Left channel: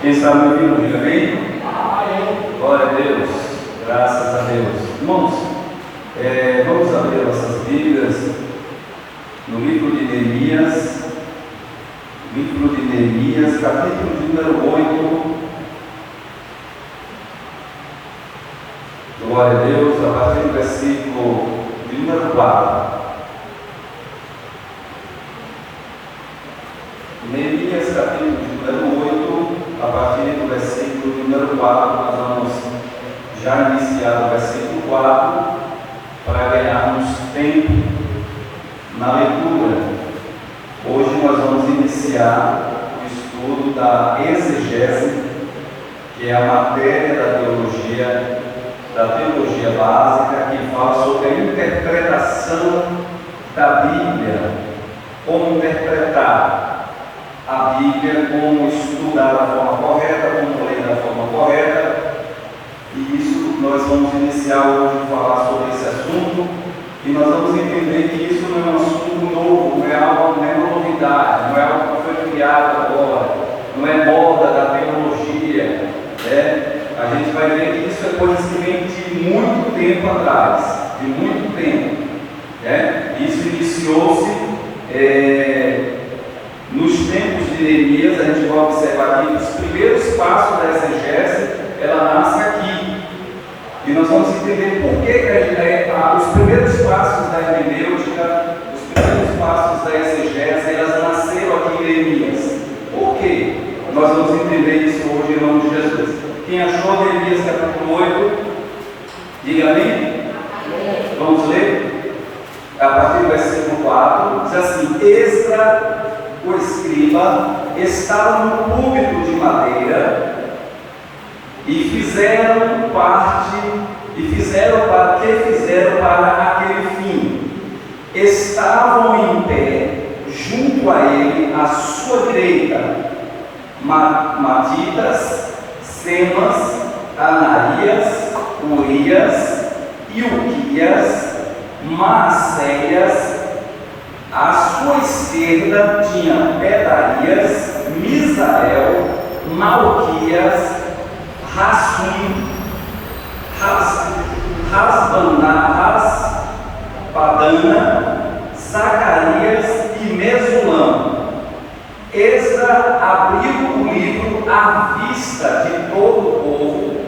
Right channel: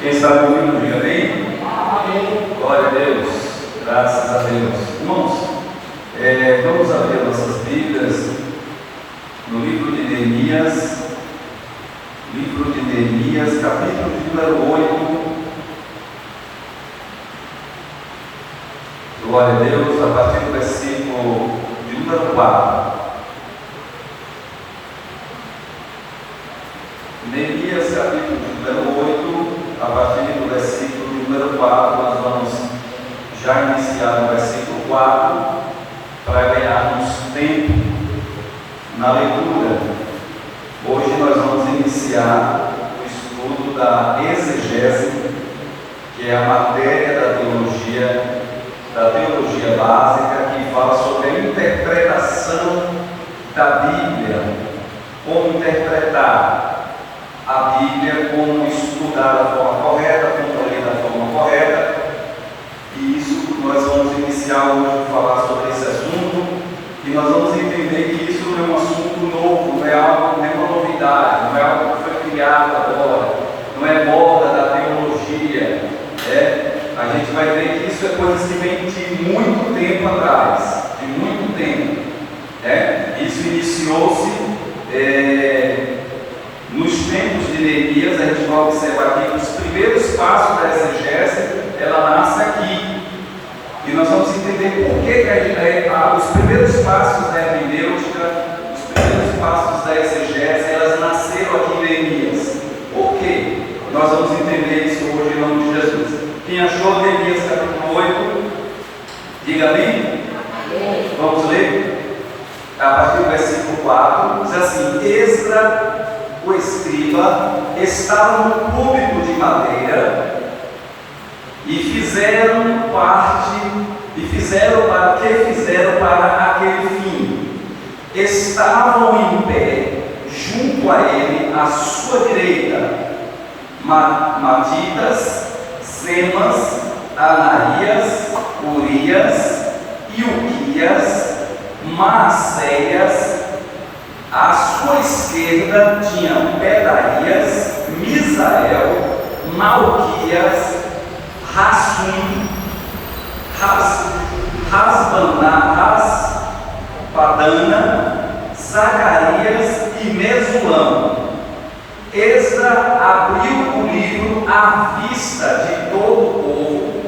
Quem está me ouvindo, diga amém. Glória a Deus, graças a Deus. Irmãos, vamos abrir nossas Bíblias no livro de Neemias, capítulo de número 8. Glória a Deus, a partir do versículo de número 4. Neemias, capítulo de número 8, a partir do versículo de número 4, nós vamos já iniciar no versículo 4, para ganharmos tempo na leitura. Hoje nós vamos iniciar o estudo da exegese, que é a matéria da teologia básica, que fala sobre a interpretação da Bíblia, como interpretar a Bíblia, como estudar da forma correta, como ler da forma correta. E isso nós vamos iniciar hoje a falar sobre esse assunto, e nós vamos entender que isso não é um assunto novo, não é uma novidade, não é algo que foi criado agora, não é moda da teologia, A gente vai ver que isso é coisa que vem de muito tempo atrás, de muito tempo, Isso iniciou-se nos tempos de Neemias. A gente vai observar aqui que os primeiros passos da exegese, ela nasce aqui, e nós vamos entender por que os primeiros passos da hermenêutica, os primeiros passos da exegese, elas nasceram aqui em Neemias. Por quê? Nós vamos entender isso hoje em nome de Jesus. Quem achou Neemias capítulo 8, diga amém. Vamos ler a partir do versículo 4. Diz assim: Esdra, o escriba, estava no púlpito de madeira, e fizeram para aquele fim. Estavam em pé junto a ele, à sua direita, Matitas, Semas, Ananias, Urias, Ilquias, Maacéias. À sua esquerda tinha Pedarias, Misael, Malquias, Rassum, Raspadana, Zacarias e Mesulão. Esdra abriu o livro à vista de todo o povo,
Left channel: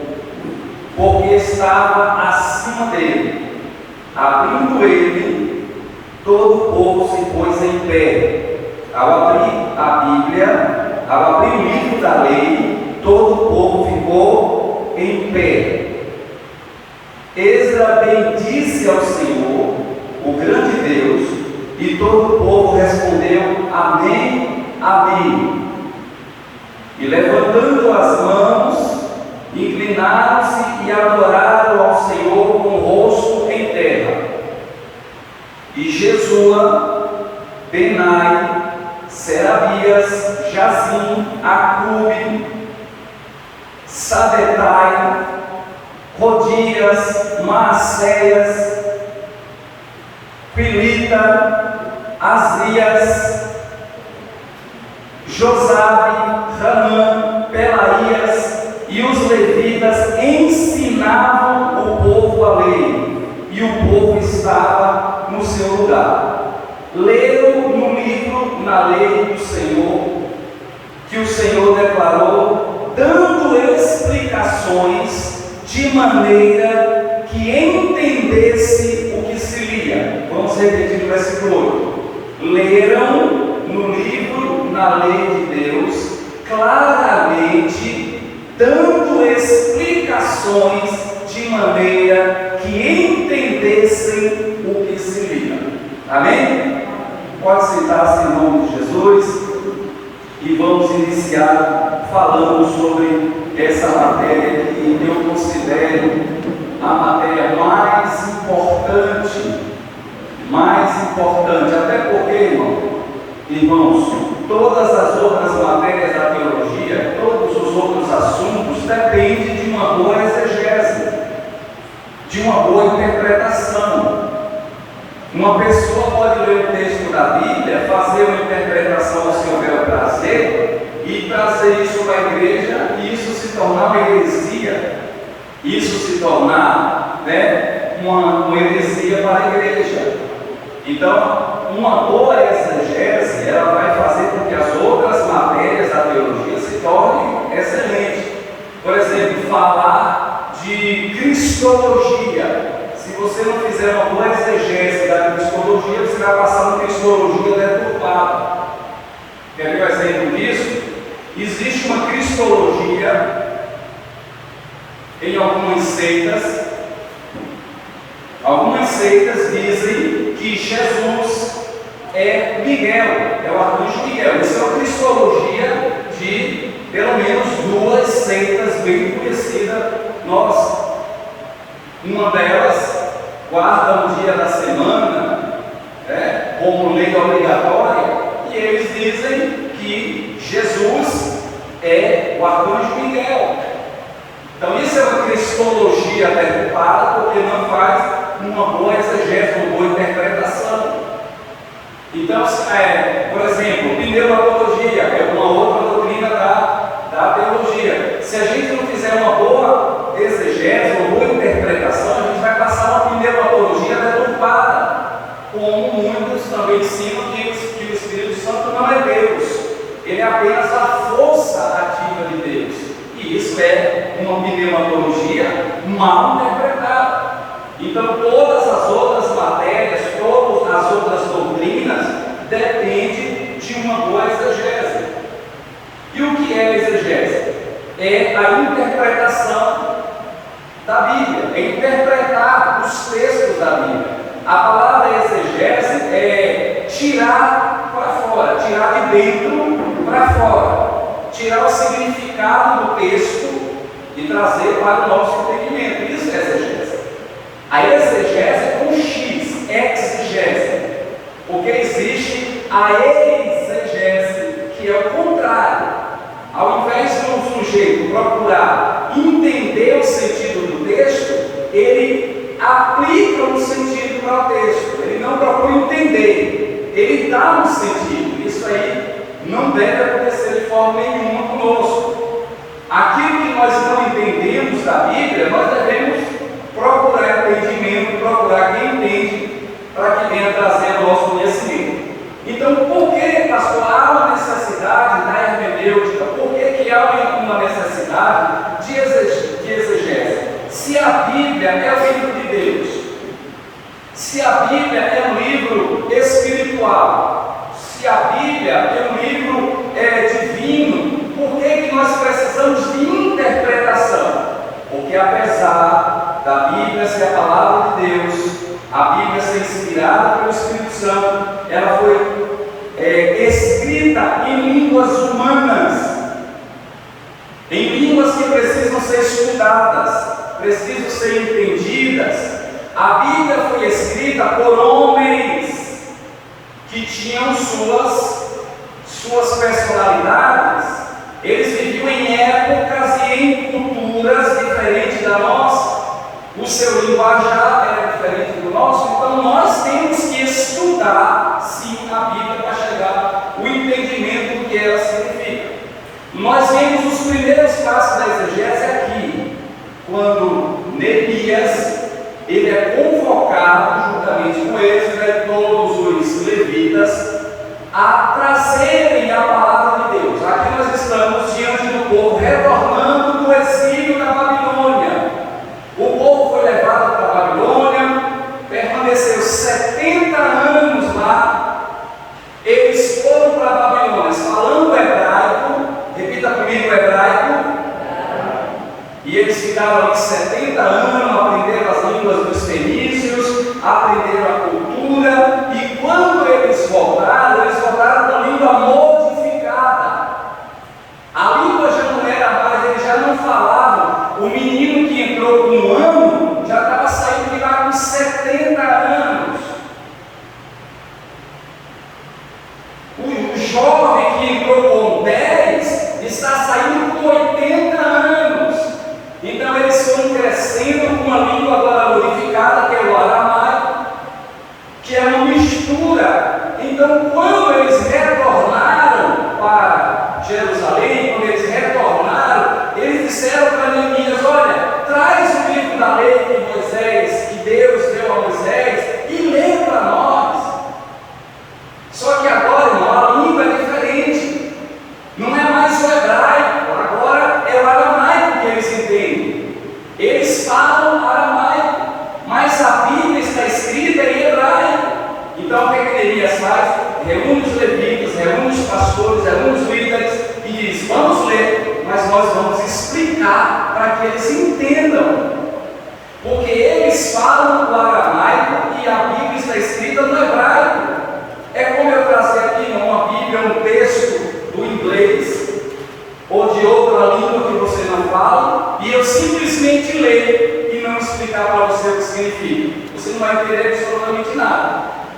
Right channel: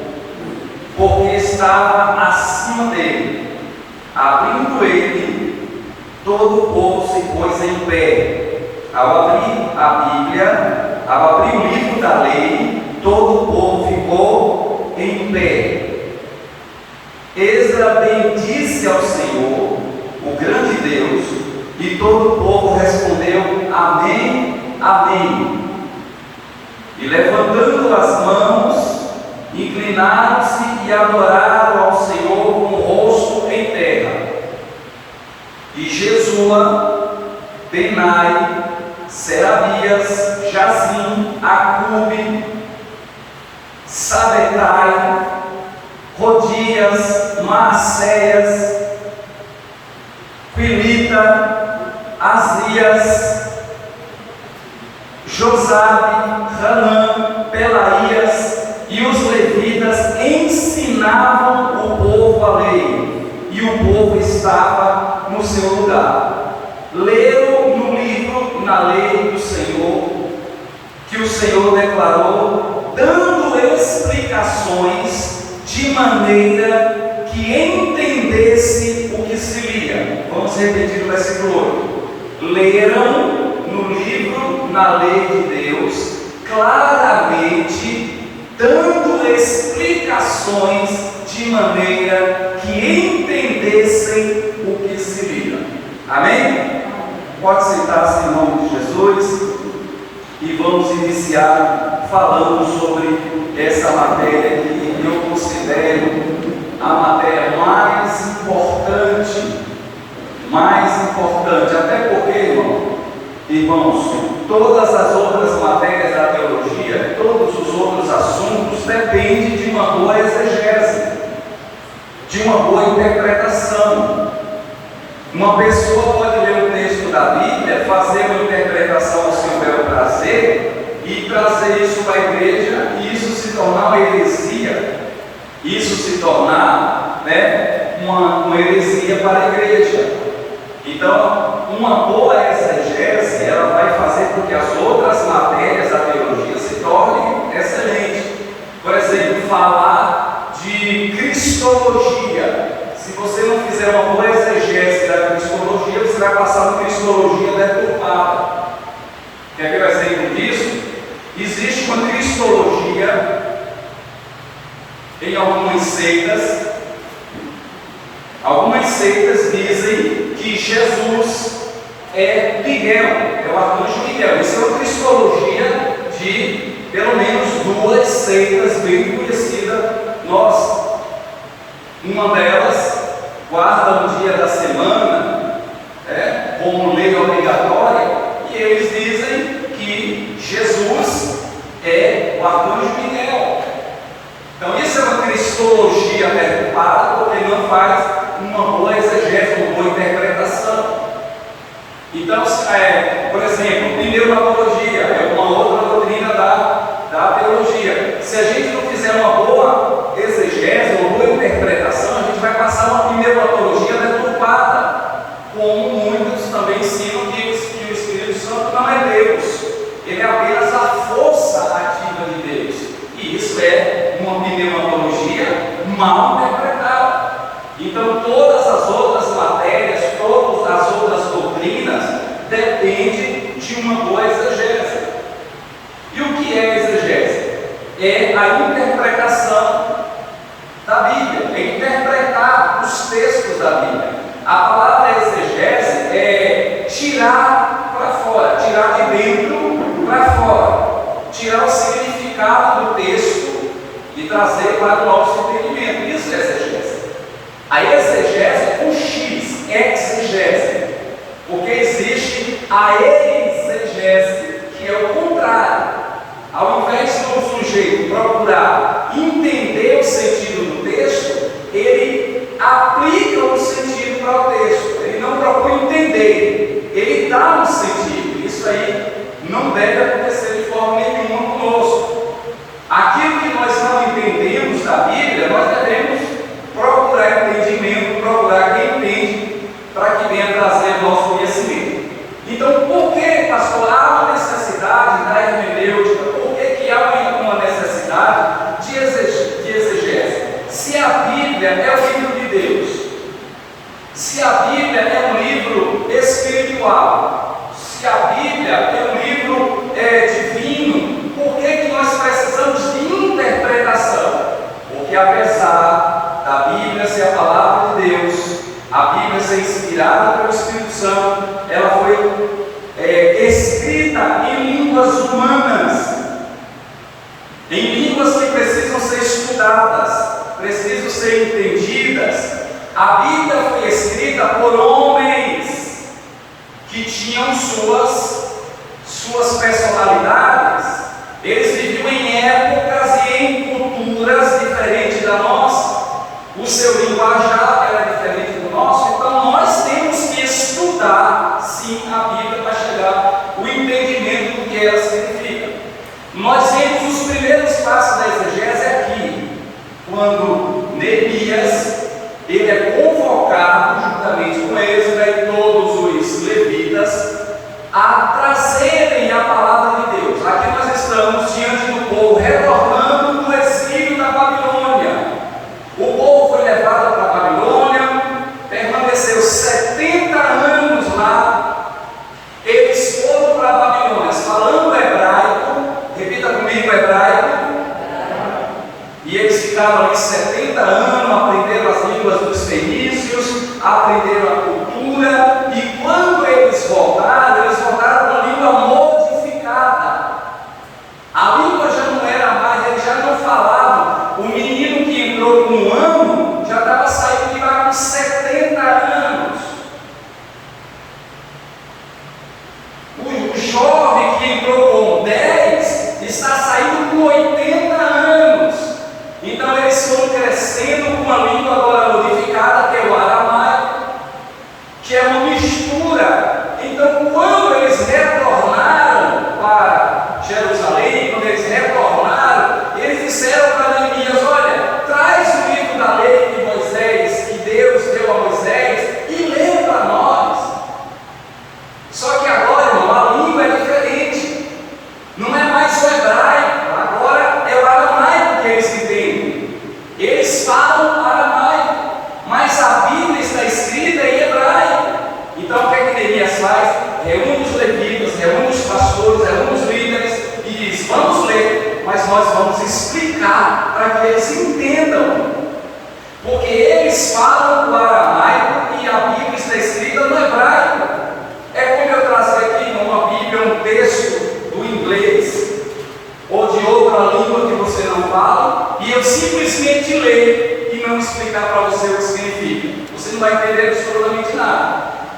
porque estava acima dele. Abrindo ele, todo o povo se pôs em pé. Ao abrir o livro da lei, todo o povo ficou em pé. Esdra bendisse ao Senhor, o grande Deus, e todo o povo respondeu: Amém, Amém. E levantando as mãos, inclinaram-se e adoraram ao Senhor com o rosto em terra. E Jesua, Benai, Serabias, Jazim, Acube, Sabetai, Rodias, Maacéias, Quilita, Asrias, Josabe, Hanã, Pelaías e os levitas ensinavam o povo a lei, e o povo estava no seu lugar. Leram no livro, na lei do Senhor, que o Senhor declarou, dando explicações de maneira que entendesse o que se lia. Vamos repetir o versículo 8. Leram no livro, na lei de Deus, claramente, dando explicações de maneira que entendessem o que se lia. Amém? Pode sentar-se em nome de Jesus, e vamos iniciar falando sobre essa matéria que eu considero a matéria mais importante, até porque, irmãos, todas as outras matérias da teologia, todos os outros assuntos dependem de uma boa exegese, de uma boa interpretação. Uma pessoa pode ler o texto da Bíblia, fazer uma interpretação ao seu bel prazer, e trazer isso para a igreja e isso se tornar uma heresia, isso se tornar, né, uma heresia para a igreja. Então, uma boa exegese, ela vai fazer com que as outras matérias da teologia se tornem excelentes. Por exemplo, falar de cristologia. Se você não fizer uma boa exegese da cristologia, você vai passar uma cristologia deturpada. Quer ver o exemplo disso? Existe uma cristologia em algumas seitas. Algumas seitas dizem que Jesus é Miguel, é o arcanjo Miguel. Isso é uma cristologia de pelo menos duas seitas bem conhecidas nossas. Uma delas guarda um dia da semana, como lei obrigatória, e eles dizem que Jesus é o arcanjo Miguel. Então isso é uma cristologia deturpada, porque não faz uma boa exegese, uma boa interpretação. Então, por exemplo, pneumatologia é uma outra doutrina da teologia. Se a gente não fizer uma boa exegese, uma boa interpretação, a gente vai passar uma pneumatologia deturpada, como muitos também ensinam que o Espírito Santo não é Deus, ele é apenas a força ativa de Deus. E isso é uma pneumatologia mal interpretada. Então, todas as outras matérias, todas as outras doutrinas dependem de uma boa exegese. E o que é exegese? É a interpretação da Bíblia, é interpretar os textos da Bíblia. A palavra exegese é tirar para fora, tirar de dentro para fora, tirar o significado do texto e trazer para o nosso entendimento. Isso é exegese. A exegese com X, exegese, porque existe a exegese, que é o contrário. Ao invés de um sujeito procurar entender o sentido do texto, ele aplica um sentido para o texto, ele não procura entender, ele dá um sentido. Isso aí não deve acontecer de forma nenhuma conosco. Aquilo que nós não entendemos da Bíblia, nós devemos procurar entendimento, procurar quem entende, para que venha trazer o nosso conhecimento. Então, por que, pastor, há uma necessidade da hermenêutica? Por que há uma necessidade de exegese? Se a Bíblia é o livro de Deus, se a Bíblia é um livro espiritual, se a Bíblia é um livro divino, por que nós precisamos de interpretação? Porque apesar da Bíblia ser a palavra de Deus, a Bíblia ser inspirada pelo Espírito Santo, ela foi escrita em línguas humanas, em línguas que precisam ser estudadas, precisam ser entendidas. A Bíblia foi escrita por homens que tinham suas personalidades. Eles viviam em épocas e em culturas diferentes da nossa. O seu linguajar era diferente do nosso. Então nós temos que estudar sim a Bíblia para chegar ao entendimento do que ela significa. Nós temos os primeiros passos da exegese aqui, quando Neemias ele é convocado juntamente com Esdras e todos os levitas a trazerem a palavra de Deus. Aqui nós estamos diante do povo retornando do exílio da Babilônia. O povo foi levado para a Babilônia, permaneceu 70 anos lá. Eles foram para a Babilônia falando hebraico, repita comigo hebraico. E eles ficaram ali 70 anos, aprenderam as línguas dos fenícios, aprenderam a cultura, e quando eles voltaram com a língua modificada. A língua já não era mais, eles já não falavam. O menino que entrou com 1 ano já estava saindo de lá com 70 anos. O jovem que entrou com 10 está saindo com 80 anos. Então eles foram crescendo com uma língua agora modificada, que é o aramaico, que é uma mistura. Então quando eles retornaram para Jerusalém,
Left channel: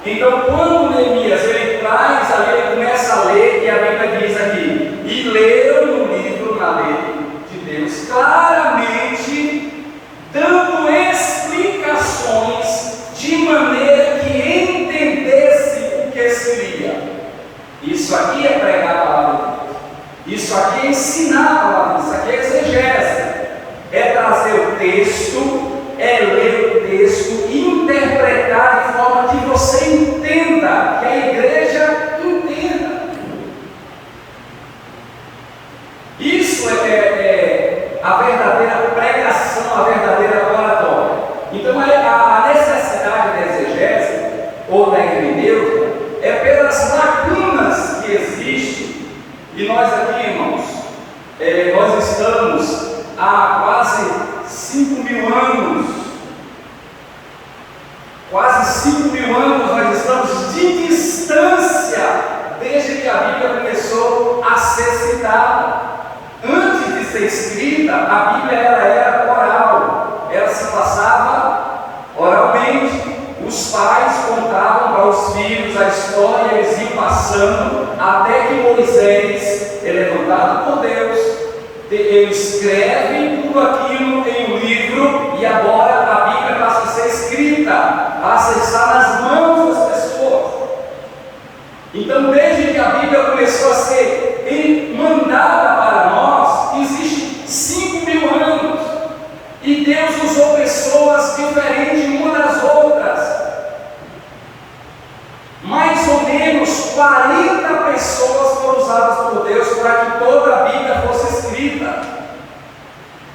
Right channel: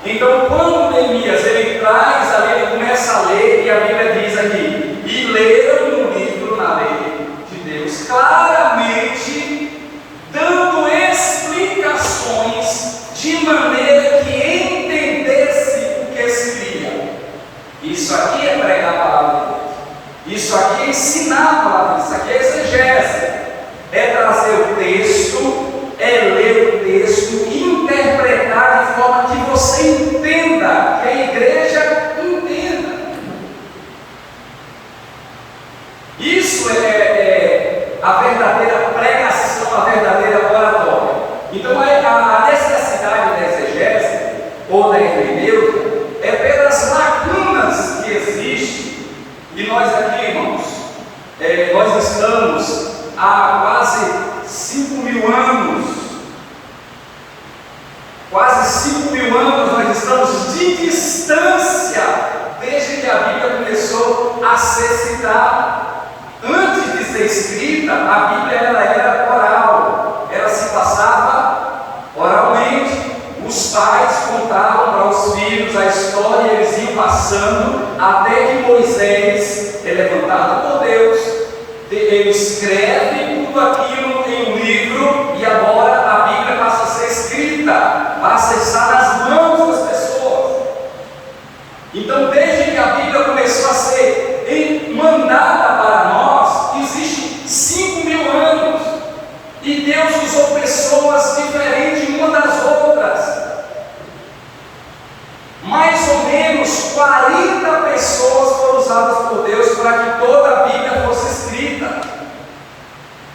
Então, quando Neemias ele traz ali, ele começa a ler, e a Bíblia diz aqui: e leram no livro, na lei de Deus, claramente, dando explicações de maneira que entendesse o que se lia. Isso aqui é pregar a palavra de Deus. Isso aqui é ensinar a palavra. Isso aqui é exegese. É trazer o texto, é ler o texto e interpretar de forma que você entenda, que a igreja entenda. Isso é a verdadeira pregação, a verdadeira oratória. Então a necessidade da exegese ou da hermenêutica é pelas lacunas que existem. E nós aqui, irmãos, nós estamos há quase 5.000 anos, nós estamos de distância, desde que a Bíblia começou a ser citada. Antes de ser escrita, a Bíblia era oral, ela se passava oralmente. Os pais contavam para os filhos a história, e eles iam passando, até que Moisés é levantado por Deus, ele escreve tudo aquilo em um livro, e agora a Bíblia passa a ser escrita, passa a estar nas mãos das pessoas. Então, desde que a Bíblia começou a ser mandada para nós, existe 5.000 anos, e Deus usou pessoas diferentes uma das outras. Mais ou menos 40 pessoas foram usadas por Deus para que toda a Bíblia fosse escrita.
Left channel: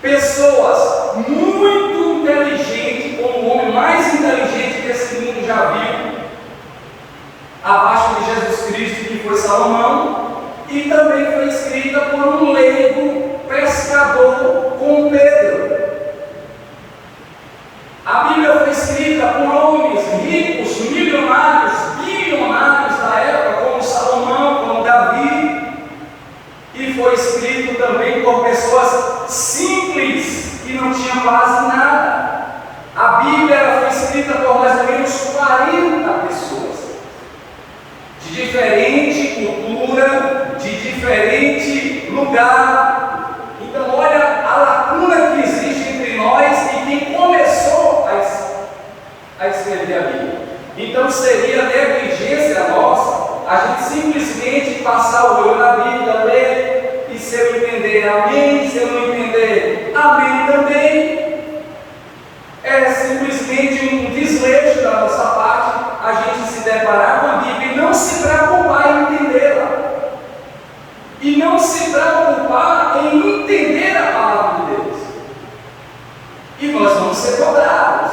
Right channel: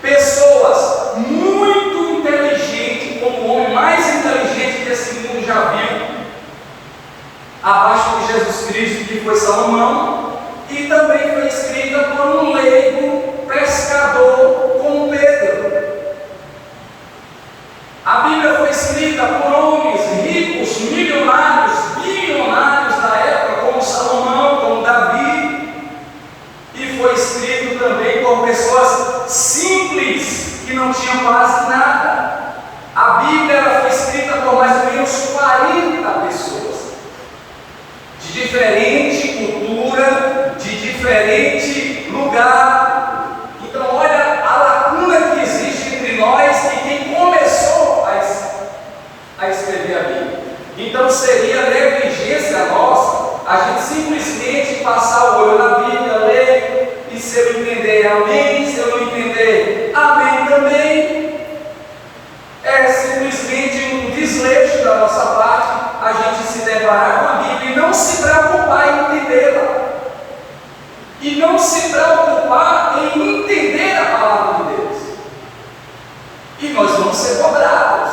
Pessoas muito inteligentes, como o homem mais inteligente que esse mundo já viu, abaixo de Jesus Cristo, que foi Salomão, e também foi escrita por um leigo pescador como Pedro. A Bíblia foi escrita por homens ricos, milionários, bilionários da época, como Salomão, como Davi, e foi escrito também por pessoas simples, que não tinham quase nada. A Bíblia foi escrita por mais ou menos 40 pessoas, de diferente cultura, de diferente lugar. Então, olha a lacuna que existe entre nós e quem começou a escrever a Bíblia. Então, seria negligência nossa a gente simplesmente passar o olho na Bíblia, ler, e se eu entender, amém, se eu não entender, amém também. É simplesmente um desleixo da nossa parte a gente se deparar com a Bíblia e não se preocupar em entendê-la, e não se preocupar em entender a palavra de Deus. E nós vamos ser cobrados,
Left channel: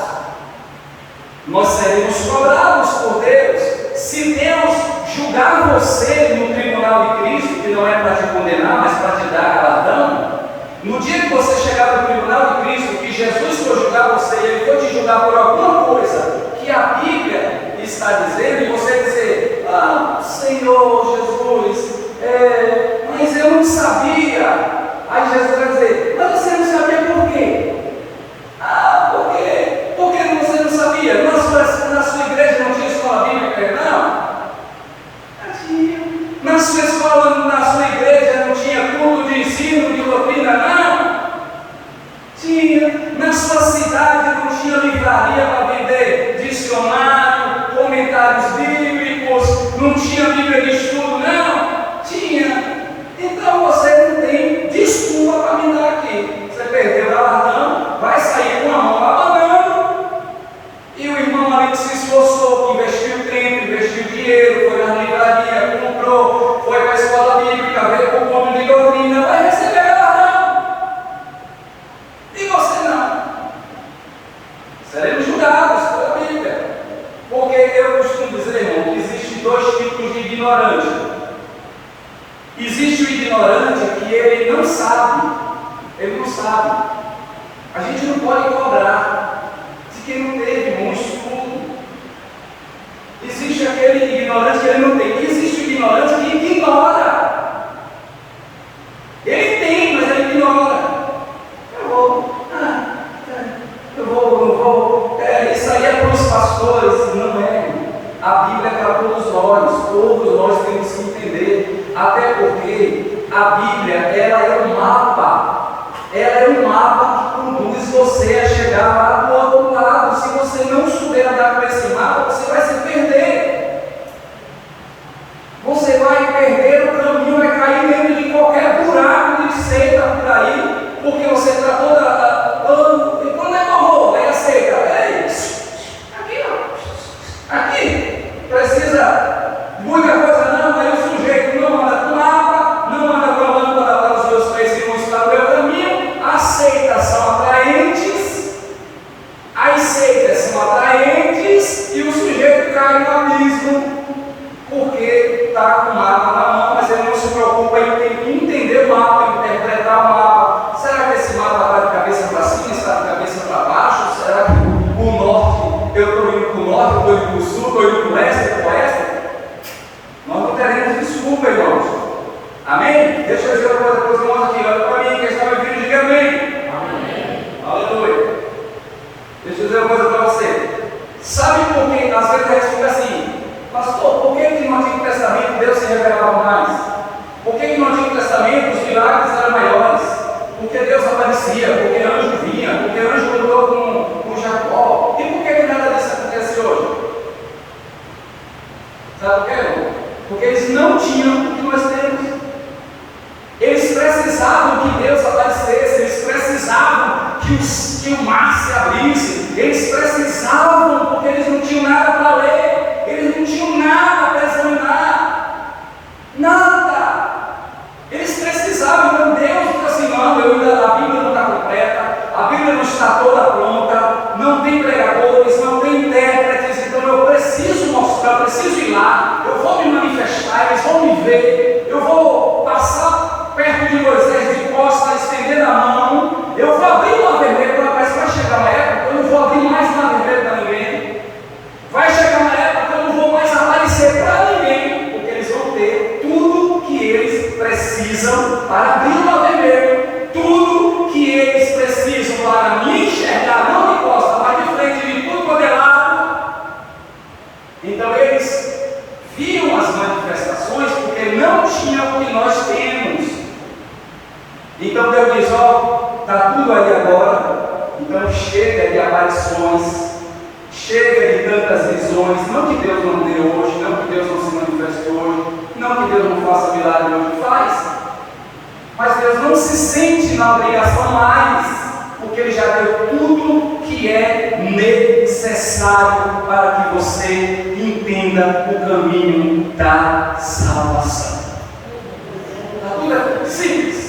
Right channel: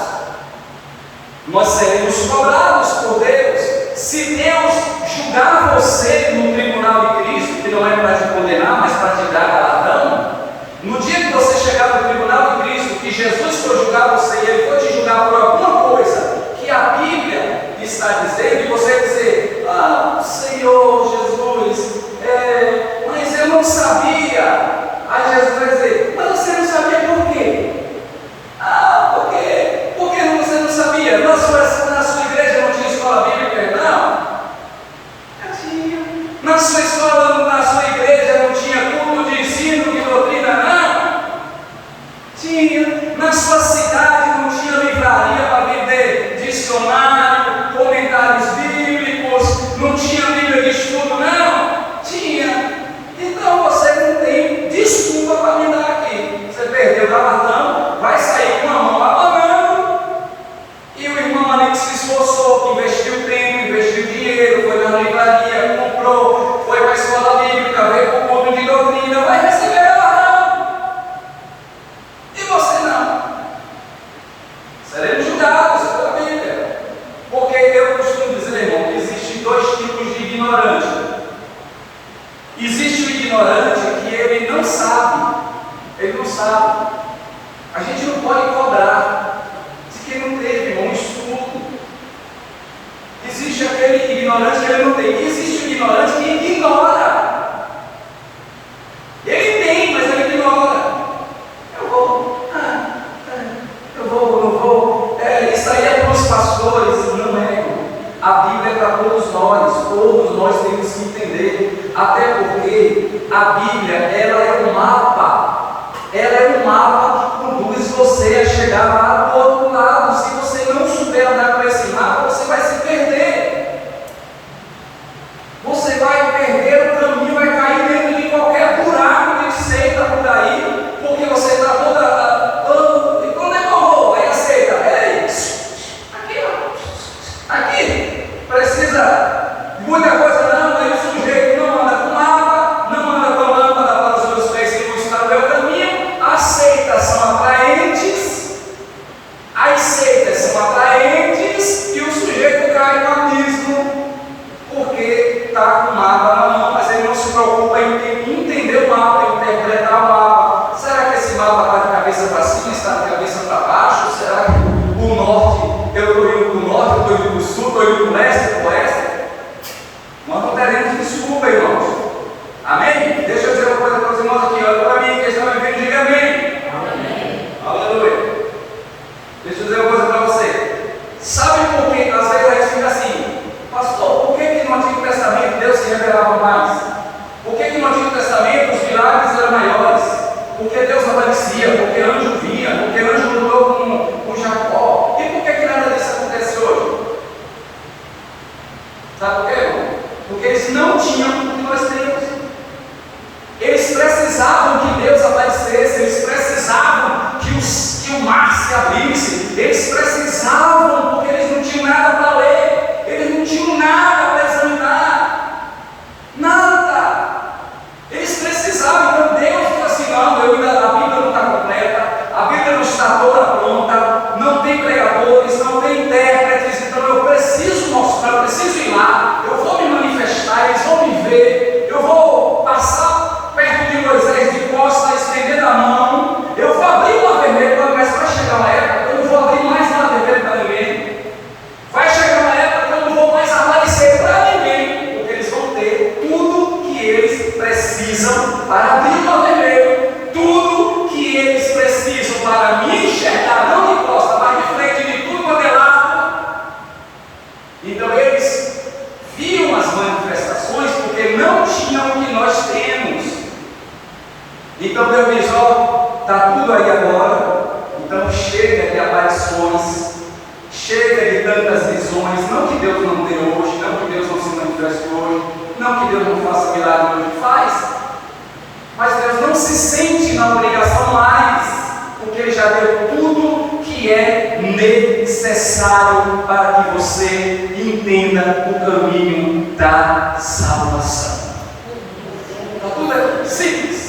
nós seremos cobrados por Deus. Se Deus julgar você no tribunal de Cristo, que não é para te condenar, mas para te dar galardão, no dia que você chegar no tribunal de Cristo, que Jesus for julgar você e Ele for te julgar por alguma coisa que a Bíblia está dizendo, e você dizer: ah, Senhor Jesus, mas eu não sabia. Aí Jesus vai dizer: mas você não sabia por quê? Ah, por quê? Por que você não sabia? Na sua igreja não tinha escola bíblica, não? Tinha. Na sua escola, na sua igreja não tinha culto de ensino, de doutrina, não? Tinha. Na sua cidade não tinha livraria para vender dicionário, comentários bíblicos, não tinha Bíblia de estudo, não? Tinha. Então você não tem desculpa para me dar aqui. Você perdeu o galardão, vai sair com a mão abanando, e o irmão ali que se esforçou, que investiu tempo, investiu dinheiro, foi na livraria, comprou, foi para a escola bíblica, veio para o culto de doutrina, vai receber galardão. E você não. Seremos julgados pela Bíblia. Porque eu costumo dizer, irmão, que existem dois tipos de ignorante. Existe o ignorante que ele não sabe. Ele não sabe. A gente não pode cobrar de quem não teve um estudo. Existe aquele ignorante que ele não tem. Existe o ignorante que ignora. Ele tem, mas ele ignora. Não vou. Isso aí é para os pastores. Não é, irmão. a Bíblia é para todos nós temos que entender, até porque a Bíblia, ela é um mapa que conduz você a chegar lá do outro lado. Se você não souber andar com esse mapa, você vai se perder. Você vai perder o caminho, vai cair dentro de qualquer buraco de seita por aí, porque você está toda. E quando é que eu vou? Aí a seita, ei, aqui ó, aqui, precisa de muita coisa não, aí o sujeito não anda com mapa, não anda com lâmpada para os meus pés e mostrar o meu caminho. As seitas são atraentes, e o sujeito cai no abismo, porque está com o mapa na mão, mas ele não se preocupa em entender o mapa, em interpretar o mapa. Será que esse mapa está de cabeça para cima, está de cabeça para baixo? Será que o norte, eu estou indo para o norte, eu estou indo para o sul, estou indo para o leste, para o oeste? Nós não teremos desculpa, irmãos. Amém? Deixa eu dizer uma coisa para os irmãos aqui, olha para mim, quem está me vendo, diga amém. Amém. Aleluia. Deixa eu dizer uma coisa para você. Sabe por que às vezes a gente fica assim, pastor, por que no Antigo Testamento Deus se revelava mais? Por que no Antigo Testamento os milagres eram maiores? Porque Deus aparecia, porque anjo vinha, porque anjo lutou com Jacó. E por que nada disso acontece hoje? Sabe por quê, irmão? Porque eles não tinham o que nós temos. Eles precisavam que Deus aparecesse, eles precisavam que o mar se abrisse, eles precisavam, porque eles não tinham nada para ler, eles não tinham nada para examinar, nada. Eles precisavam. Então Deus diz assim: não, a Bíblia não está completa, a Bíblia não está toda pronta, não tem pregadores, não tem intérpretes, então eu preciso mostrar, eu preciso ir lá, eu vou me manifestar, eles vão me ver, eu vou passar perto de Moisés de costa, estender a mão, eu vou abrir o mar vermelho, mas vai chegar uma época que eu não vou abrir mais mar vermelho para ninguém. Vai chegar uma época que eu não vou mais aparecer para ninguém, porque eles vão ter tudo que eles precisam para abrir o mar vermelho, tudo que eles precisam para me enxergar, não de costa, mas de frente, de tudo quanto é lado. Então eles viam as manifestações porque não tinham o que nós temos. Então Deus diz: ó, está tudo aí agora, então chega de aparições, chega de tantas visões. Não que Deus não dê hoje, não que Deus não se manifeste hoje, não que Deus não faça milagre hoje, faz, mas Deus não se sente na obrigação mais, porque Ele já deu tudo que é necessário para que você entenda o caminho da salvação. Está tudo aqui, simples.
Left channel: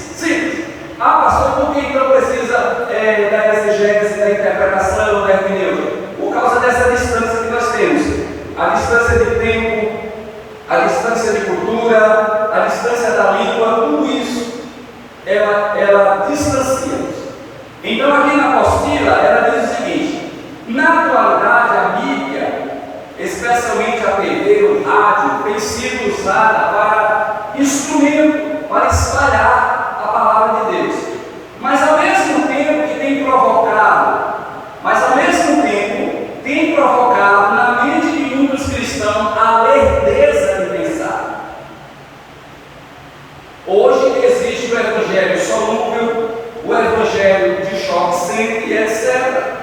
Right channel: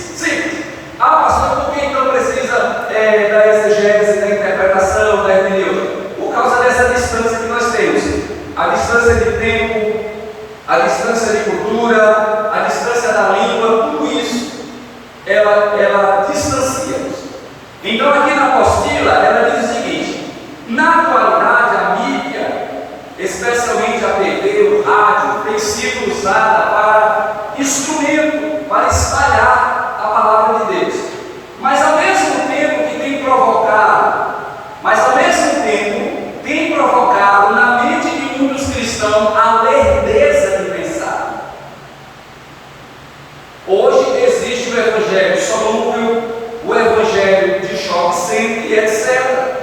Ah, pastor, por que então precisa da exegese, da interpretação, da hermenêutica? Por causa dessa distância que nós temos. A distância de tempo, a distância de cultura, a distância da língua, tudo isso, ela distancia-nos. Então aqui na apostila, ela diz o seguinte: na atualidade a mídia, especialmente a TV, o rádio, tem sido usada para instrumento, para espalhar a palavra de Deus, mas ao mesmo tempo tem provocado na mente de muitos cristãos a lerdeza de pensar. Hoje existe o evangelho solúvel, o evangelho de choque sempre, etc.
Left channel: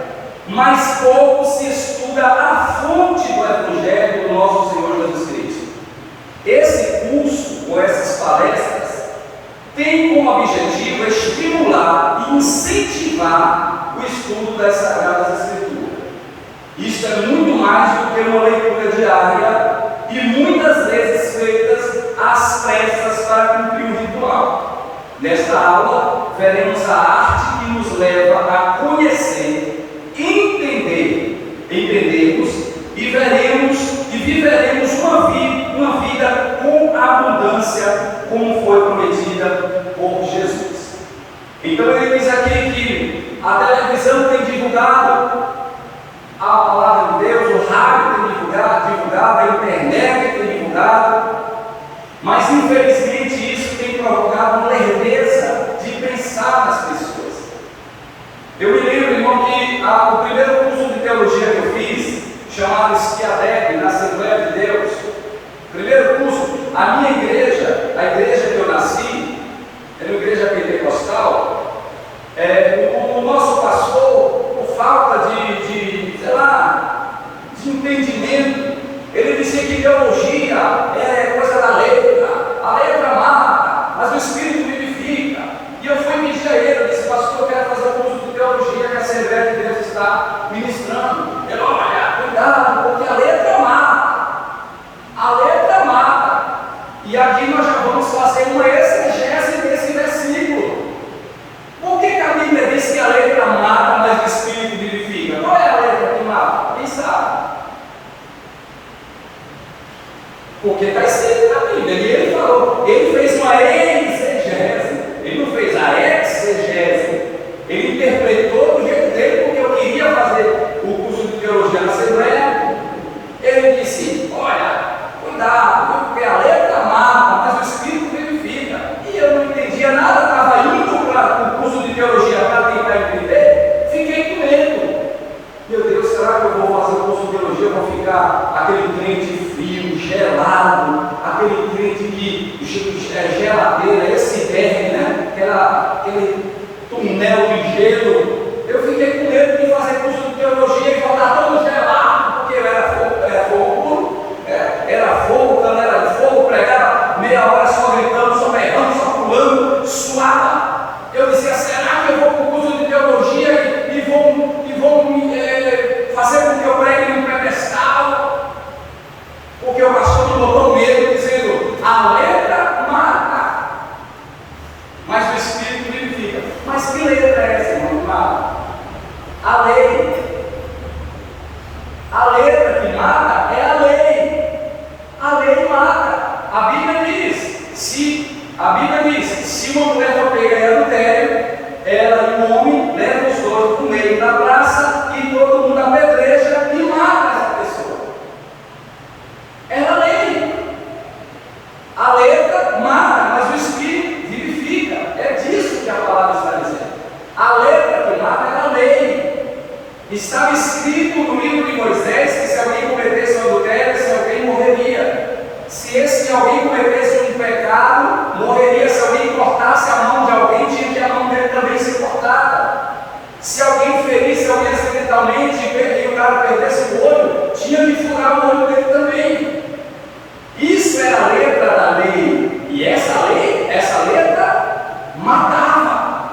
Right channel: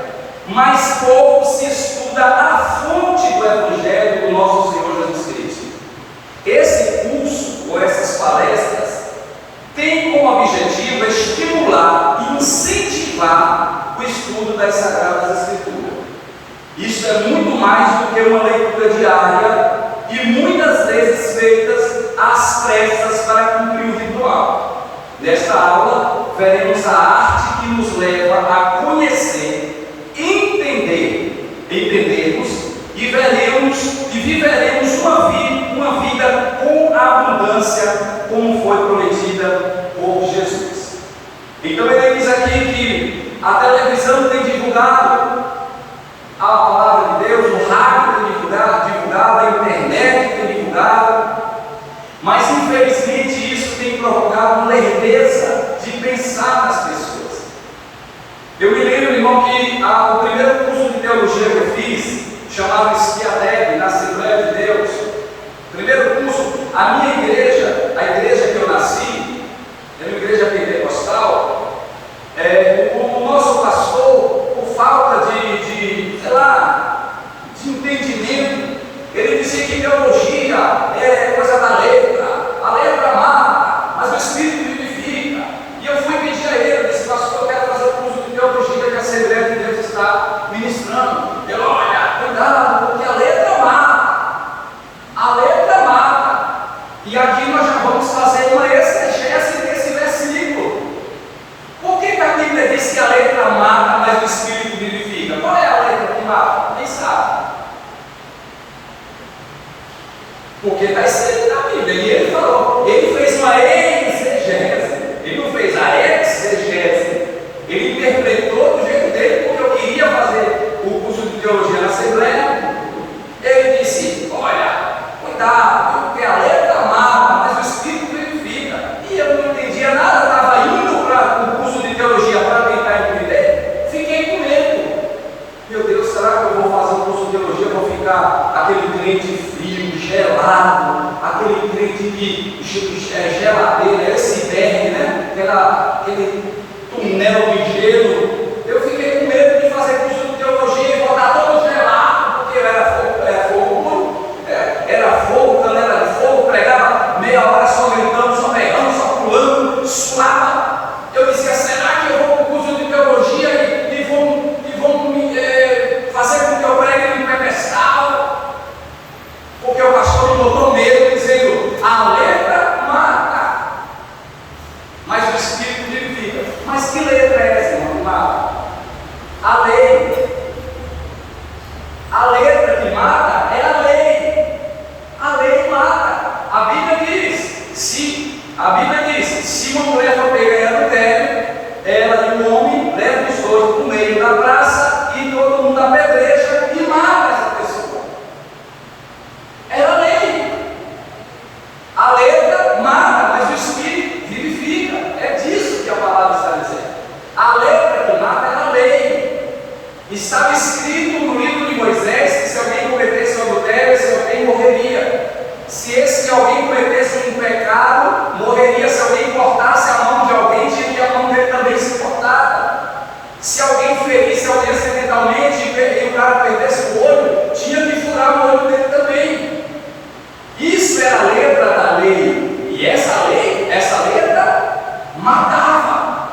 Mas pouco se estuda a fonte do evangelho do nosso Senhor Jesus Cristo. Esse curso, ou essas palestras, tem como objetivo estimular e incentivar o estudo das Sagradas Escrituras. Isso é muito mais do que uma leitura diária e muitas vezes feitas às pressas para cumprir o ritual. Nesta aula, veremos a arte que nos leva a conhecer, entendermos e viveremos uma vida com abundância, como foi prometida por Jesus. Então ele diz aqui que a televisão tem divulgado a palavra de Deus, o rádio tem divulgado, a internet tem divulgado, mas infelizmente isso tem provocado uma lerdeza de pensar nas pessoas. Eu me lembro, irmão, que o primeiro curso de teologia que eu fiz, chamado Esquiadeg, na Assembleia de Ele dizia que teologia é coisa da letra, a letra mata, mas o Espírito vivifica. E eu fui pedir a ele, eu disse: pastor, eu quero fazer um curso de teologia que a Assembleia de Deus está ministrando. Ele: olha, cuidado, porque a letra mata, a letra mata. E aqui nós já vamos fazer uma exegese desse versículo. Por que a Bíblia diz que a letra mata, mas o Espírito vivifica? Qual é a letra que mata? Quem sabe? Porque está escrito na Bíblia, e ele falou, ele fez uma exegese, ele não fez a exegese, ele interpretou do jeito dele, porque eu queria fazer o curso de teologia na Assembleia. Ele disse: olha, cuidado, porque a letra mata, mas o Espírito vivifica. E eu não entendia nada, estava indo para o curso de teologia para tentar entender, fiquei com medo. Meu Deus, será que eu vou fazer o curso de teologia, vou ficar aquele crente frio, gelado, aquele crente que é geladeira, esse inverno, né? Aquele túnel de gelo. Eu fiquei com medo de fazer curso de teologia e voltar todo gelado, porque eu era fogo puro, era fogo, canela de fogo, pregava meia hora só gritando, só berrando, só pulando, suava. Eu dizia: será que eu vou para o curso de teologia e vão me fazer com que eu pregue no pedestal? Porque o pastor me botou medo, dizendo: a letra mata, mas o Espírito vivifica. Mas que letra é essa, irmão? Mata? A lei. A letra que mata é a lei. A lei mata. A Bíblia diz: se uma mulher for pega em adultério, ela e um homem levam os dois para o meio da praça e todo mundo apedreja e mata essa pessoa. Era a lei. A letra mata, mas o Espírito vivifica. É disso que a palavra está dizendo. A letra que mata era a lei. Estava escrito no livro de Moisés que se alguém cometesse adultério, esse alguém morreria. Se esse alguém cometesse um pecado, morreria. Se alguém cortasse a mão de alguém, tinha que a mão dele também ser cortada. Se alguém ferisse alguém acidentalmente e o cara perdesse o olho, tinha que furar o olho dele também. Isso era a letra da lei. E essa letra matava.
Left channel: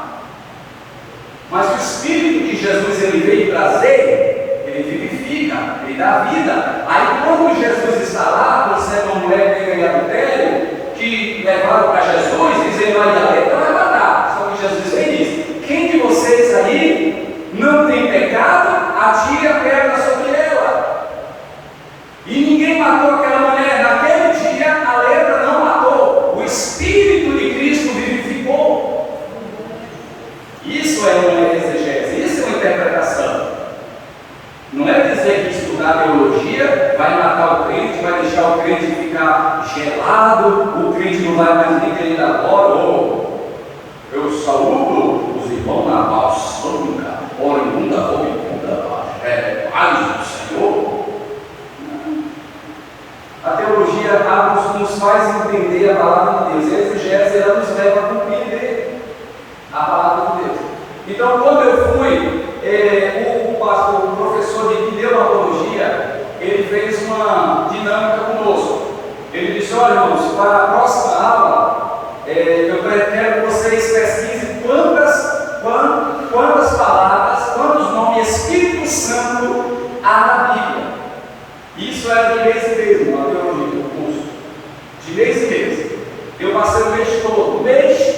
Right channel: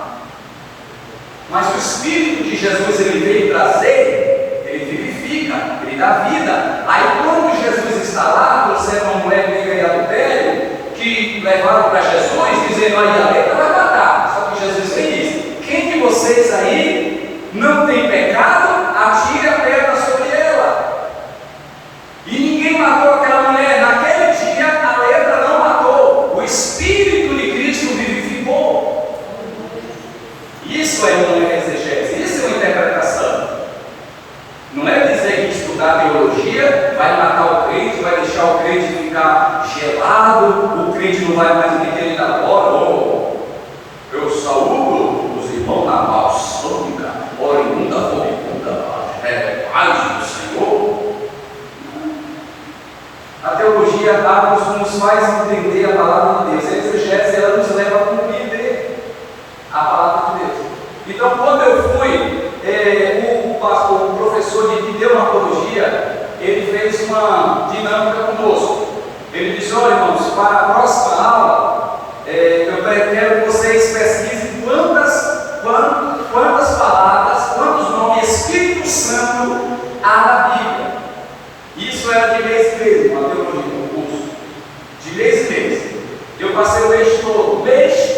Mas o Espírito que Jesus ele veio trazer, ele vivifica, ele dá vida. Aí quando Jesus está lá, trouxeram uma mulher pega em adultério, que levaram para Jesus, dizendo: aí a letra vai matar. Só que Jesus vem e diz: quem de vocês aí não tem pecado, atire a pedra sobre ela. E ninguém matou aquela mulher. Naquele dia a letra não matou, o Espírito de Cristo vivificou. Isso é uma exegese, isso é uma interpretação. Não é dizer que estudar teologia vai matar o crente, vai deixar o crente ficar gelado, o crente não vai mais nem querer dar glória. Eu saúdo os irmãos na paz única, oriunda, paz do Senhor. A teologia nos faz entender a palavra de Deus. A exegese, ela nos leva a compreender a palavra de Deus. Então, quando eu fui, o professor de pneumatologia, ele fez uma dinâmica conosco. Ele disse: olha, irmãos, para a próxima aula, eu quero que vocês pesquisem quantas palavras, quantos nomes Espírito Santo há na Bíblia. Isso era de mês em mês, uma teologia, um curso. De mês em mês. Eu passei o mês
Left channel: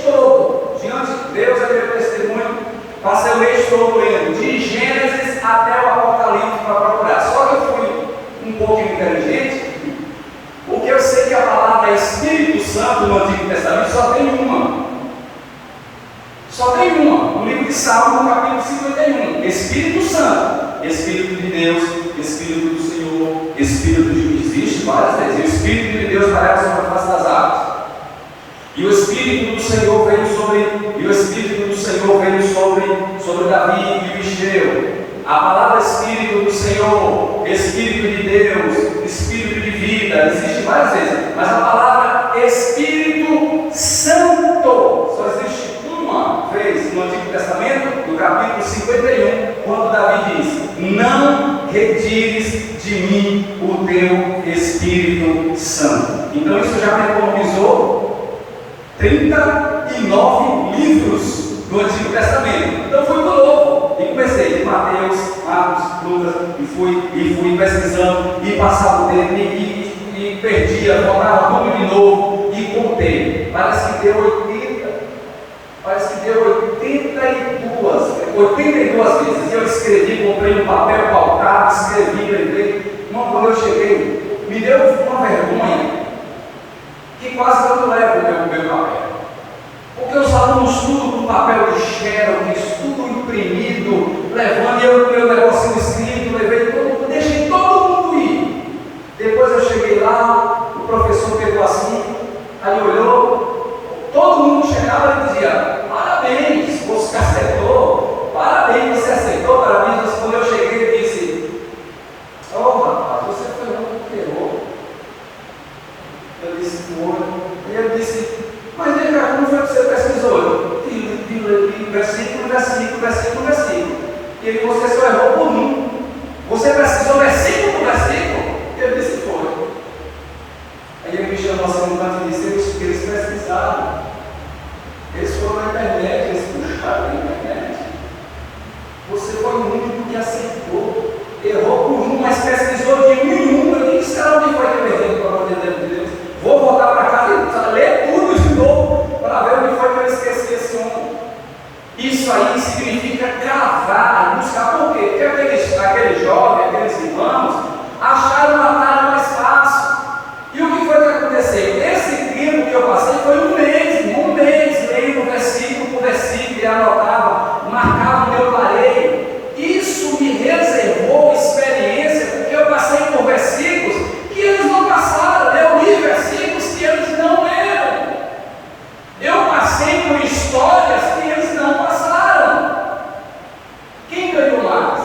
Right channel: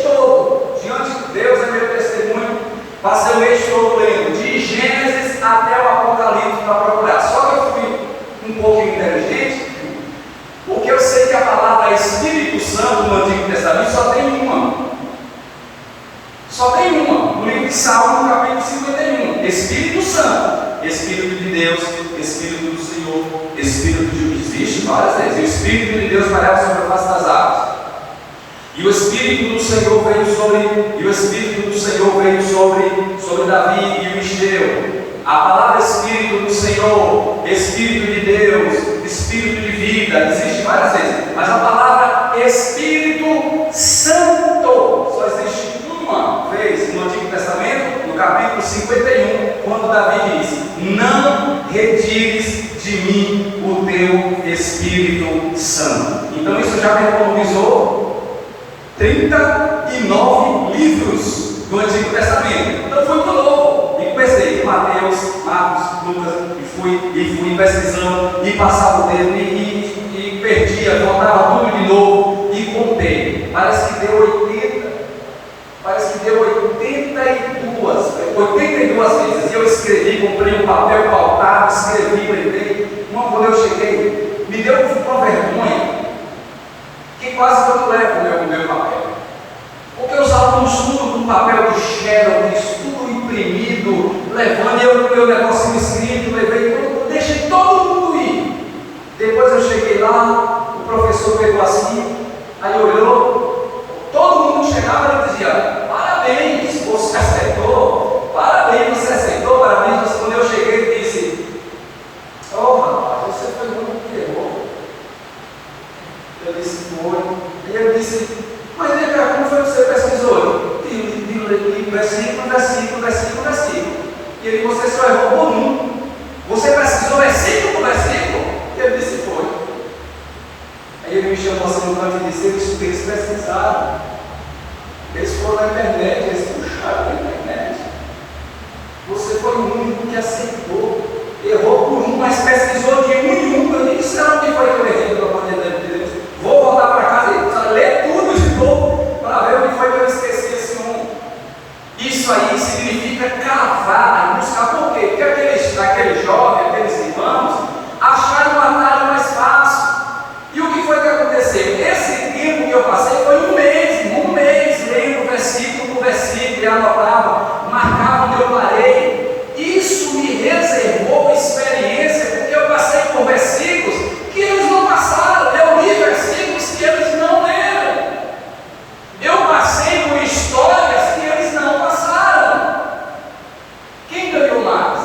todo, diante de Deus é meu testemunho. Passei o mês todo lendo, de Gênesis até o Apocalipse, para procurar. Só que eu fui um pouquinho inteligente, porque eu sei que a palavra Espírito Santo no Antigo Testamento só tem uma. Só tem uma. No livro de Salmo, no capítulo 51. Espírito Santo, Espírito de Deus, Espírito do Senhor, Espírito de Deus. Existe várias vezes. O Espírito de Deus pairava sobre a face das águas. E o Espírito do Senhor veio sobre Davi e o encheu. A palavra Espírito do Senhor, Espírito de Deus, Espírito de vida, existe várias vezes, mas a palavra Espírito Santo só existe uma vez no Antigo Testamento, no capítulo 51, quando Davi diz: não retires de mim o teu Espírito. Espírito Santo. Então isso já me economizou 39 livros do Antigo Testamento. Então foi muito novo. E comecei com Mateus, Marcos, Lucas, e fui pesquisando, e passava o tempo, e perdia, voltava tudo de novo, e contei. Parece que deu 82 vezes. E eu escrevi, comprei um papel pautado, escrevi, lembrei. Irmão, quando eu cheguei, me deu uma vergonha que quase eu não levo o meu papel. Porque os alunos tudo com papel do Xerox, tudo imprimido, levando, e eu com meu negocinho escrito, levei tudo, deixei todo mundo ir. Depois eu cheguei lá, o professor pegou assim, aí olhou, todo mundo chegava e dizia: parabéns, você acertou, parabéns, você acertou, parabéns. Quando eu cheguei, ele disse: oh rapaz, você foi muito que errou. Eu disse: foi. E ele disse: mas vem cá, como foi que você pesquisou? De versículo. E aí você só errou por um. Você pesquisou versículo por versículo? E ele disse: foi. Aí ele me chamou assim no canto e disse: eles pesquisaram. Eles foram na internet, eles puxaram na internet. Você foi o único que aceitou. Errou por um, mas pesquisou de um em um. Eu disse: será que foi que eu errei para poder de Deus? Vou voltar para casa e ler tudo de novo para ver o que foi que eu esqueci esse homem. Isso aí significa cavar e buscar. Por quê? Porque aqueles jovens, aqueles irmãos, acharam um atalho mais fácil. E o que foi que aconteceu? Esse tempo que eu passei foi um mês lendo versículo por versículo, e anotava, marcava onde eu parei. Isso me reservou experiência, porque eu passei por versículos que eles não passaram. Eu li versículos que eles não leram. Eu passei por histórias que eles não passaram. Quem ganhou mais?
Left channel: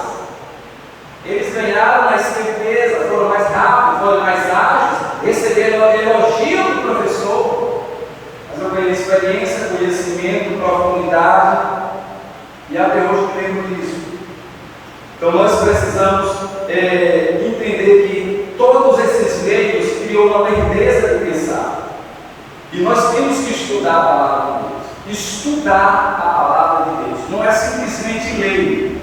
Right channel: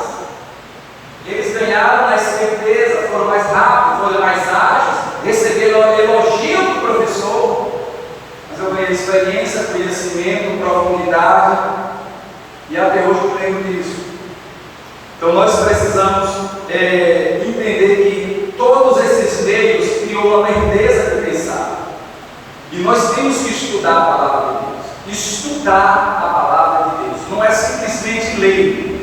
Eles ganharam na certeza, foram mais rápidos, foram mais ágeis, receberam elogio do professor. Mas eu ganhei experiência, conhecimento, profundidade, e até hoje eu lembro disso. Então nós precisamos entender que todos esses meios criam uma lerdeza de pensar. E nós temos que estudar a palavra de Deus. Estudar a palavra de Deus. Não é simplesmente ler.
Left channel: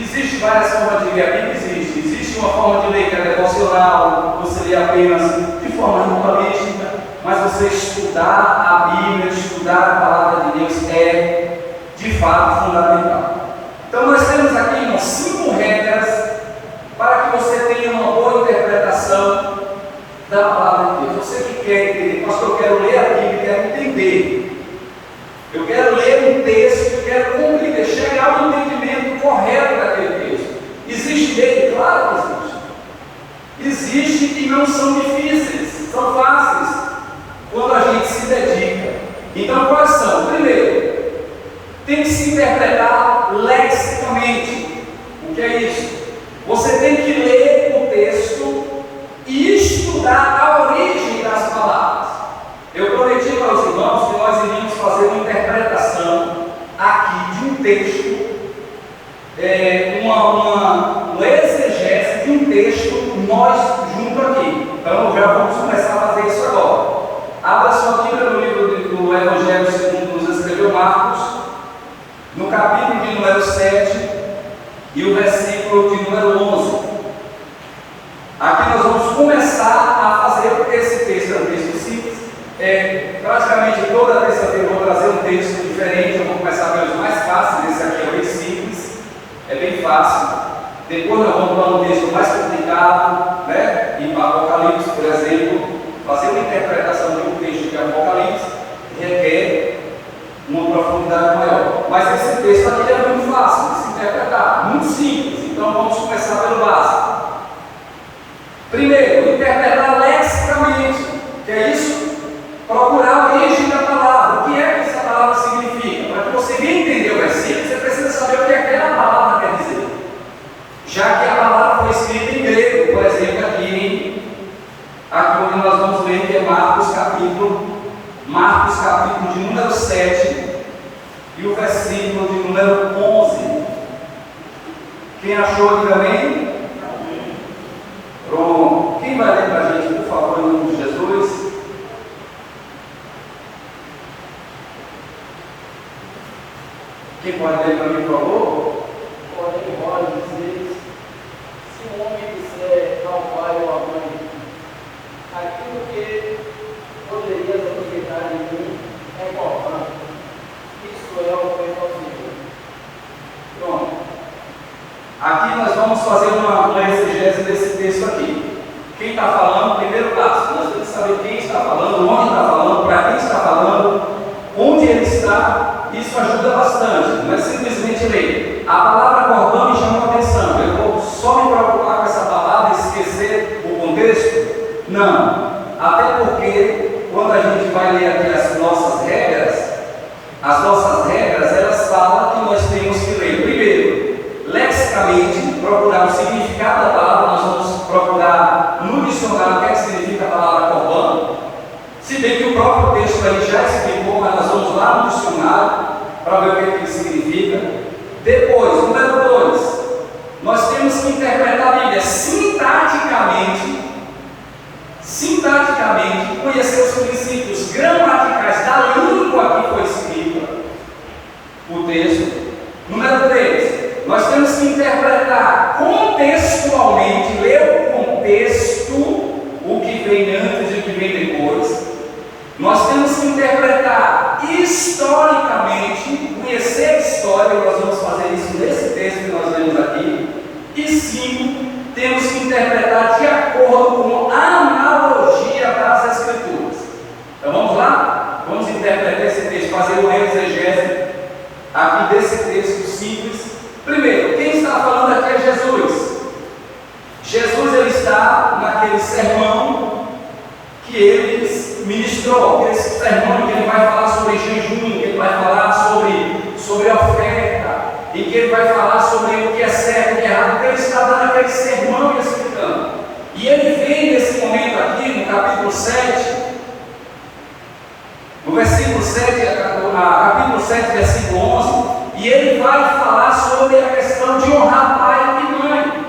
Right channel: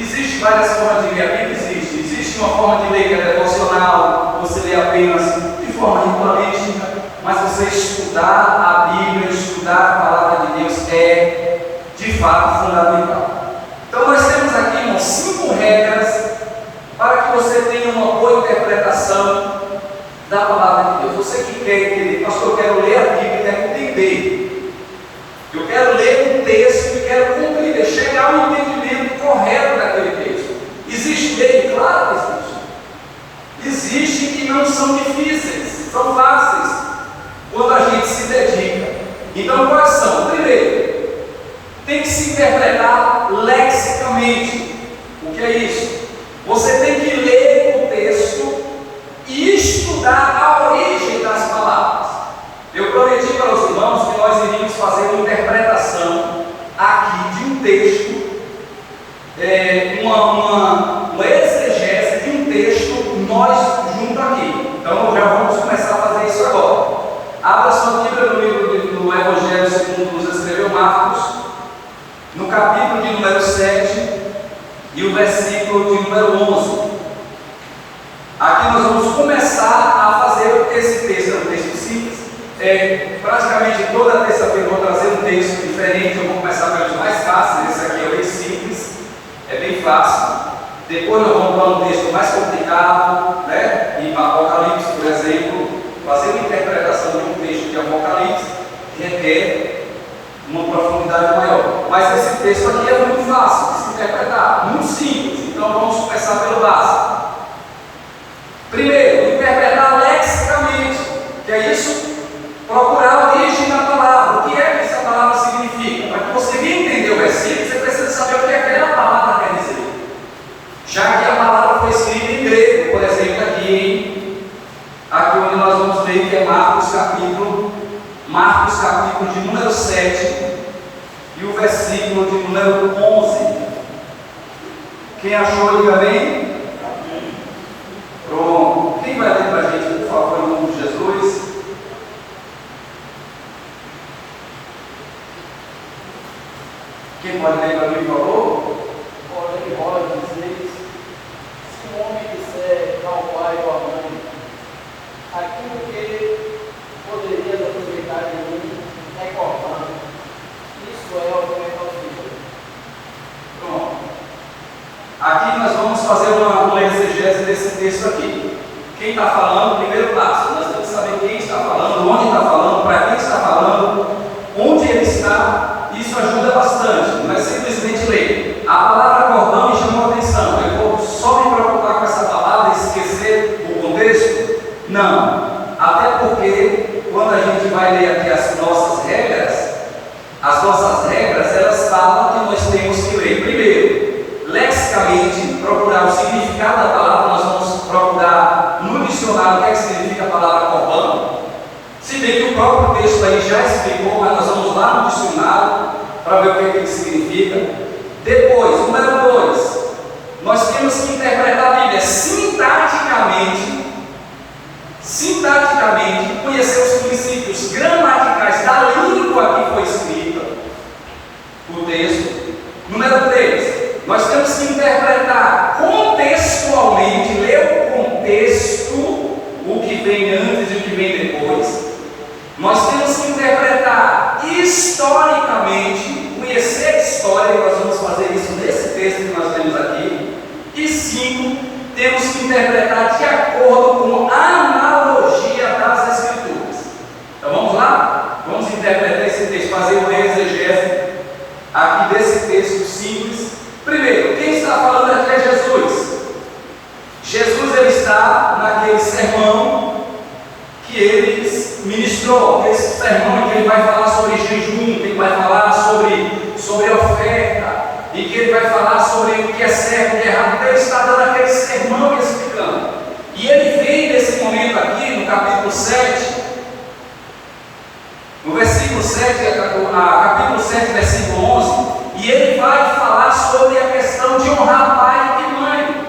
Existem várias formas de ler a Bíblia, existe uma forma de ler que é devocional, você lê apenas de forma ritualística, mas você estudar a Bíblia, estudar a palavra de Deus é de fato fundamental. Então nós temos aqui, irmãos, 5 regras para que você tenha uma boa interpretação da palavra de Deus. Você que quer entender: pastor, eu quero ler a Bíblia, quero entender. Eu quero ler um texto e quero compreender, chegar ao entendimento correto daquele texto. Existe lei? Claro que existe. Existe que não são difíceis, são fáceis, quando a gente se dedica. Então quais são? Primeiro, tem que se interpretar lexicamente. O que é isso? Você tem que ler o texto e estudar a origem das palavras. Eu prometi para os irmãos que nós iríamos fazer uma interpretação aqui de um texto, uma exegese de um texto, nós junto aqui. Então já vamos começar a fazer isso agora. Abra sua Bíblia no livro do Evangelho segundo nos escreveu Marcos, no capítulo de número 7 e o versículo de número 11. Aqui nós vamos começar a fazer esse texto. É um texto simples. Praticamente toda terça-feira eu vou trazer um texto diferente. Eu vou começar pelos mais fáceis. Esse aqui é bem simples, é bem fácil. Depois nós vamos para um texto mais complicado, né? E para Apocalipse, por exemplo, fazer uma interpretação de um texto que é o Apocalipse requer uma profundidade maior. Mas esse texto aqui é muito fácil de se interpretar, muito simples. Então vamos começar pelo básico. Primeiro, interpretar lexicamente, que é isso? Procurar a origem da palavra. O que é que essa palavra significa? Para que você venha entender o versículo, você precisa saber o que aquela palavra quer dizer. Já que a palavra foi escrita em grego, por exemplo, aqui onde nós vamos ler, que é Marcos capítulo de número 7 e o versículo de número 11. Quem achou, diga amém. Pronto. Quem vai ler para a gente, por alguém para mim, por favor? Porém, vós dizeis, se um homem disser ao pai ou à mãe, aquilo que poderias aproveitar de mim é cortando. Isso é o que eu fazer. Pronto. Aqui nós vamos fazer uma exegese desse texto aqui. Quem está falando, primeiro passo, nós temos que saber quem está falando, onde está falando, para quem está falando, onde ele está. Isso ajuda bastante, não é simplesmente ler. A palavra cordão me chamou a atenção. Eu vou só me preocupar com essa palavra e esquecer o contexto? Não. Até porque, quando a gente vai ler aqui as nossas regras, elas falam que nós temos que ler, primeiro, lexicamente, procurar o significado da palavra. Nós vamos procurar no dicionário o que é que significa a palavra cordão. Se bem que o próprio texto aí já explicou, mas nós vamos lá no dicionário para ver o que é que ele significa. Depois, número 2, nós temos que interpretar a Bíblia sintaticamente, conhecer os princípios gramaticais da língua que foi escrita o texto. Número 3, nós temos que interpretar contextualmente, ler o contexto, o que vem antes e o que vem depois. Nós temos que interpretar historicamente, conhecer a história, e nós vamos fazer isso nesse texto que nós lemos aqui. E 5, temos que interpretar de acordo com a analogia das Escrituras. Então vamos lá? Vamos interpretar esse texto, fazer uma exegese aqui desse texto simples. Primeiro, quem está falando aqui é Jesus. Jesus, ele está naquele sermão que ele ministrou, aquele sermão que ele vai falar sobre jejum, que ele vai falar sobre oferta, e que ele vai falar sobre o que é certo e o que é errado. Então ele está dando aquele sermão e explicando. E ele vem nesse momento aqui, no capítulo 7, no versículo 7, capítulo 7, versículo 11, e ele vai falar sobre a questão de honrar pai e mãe,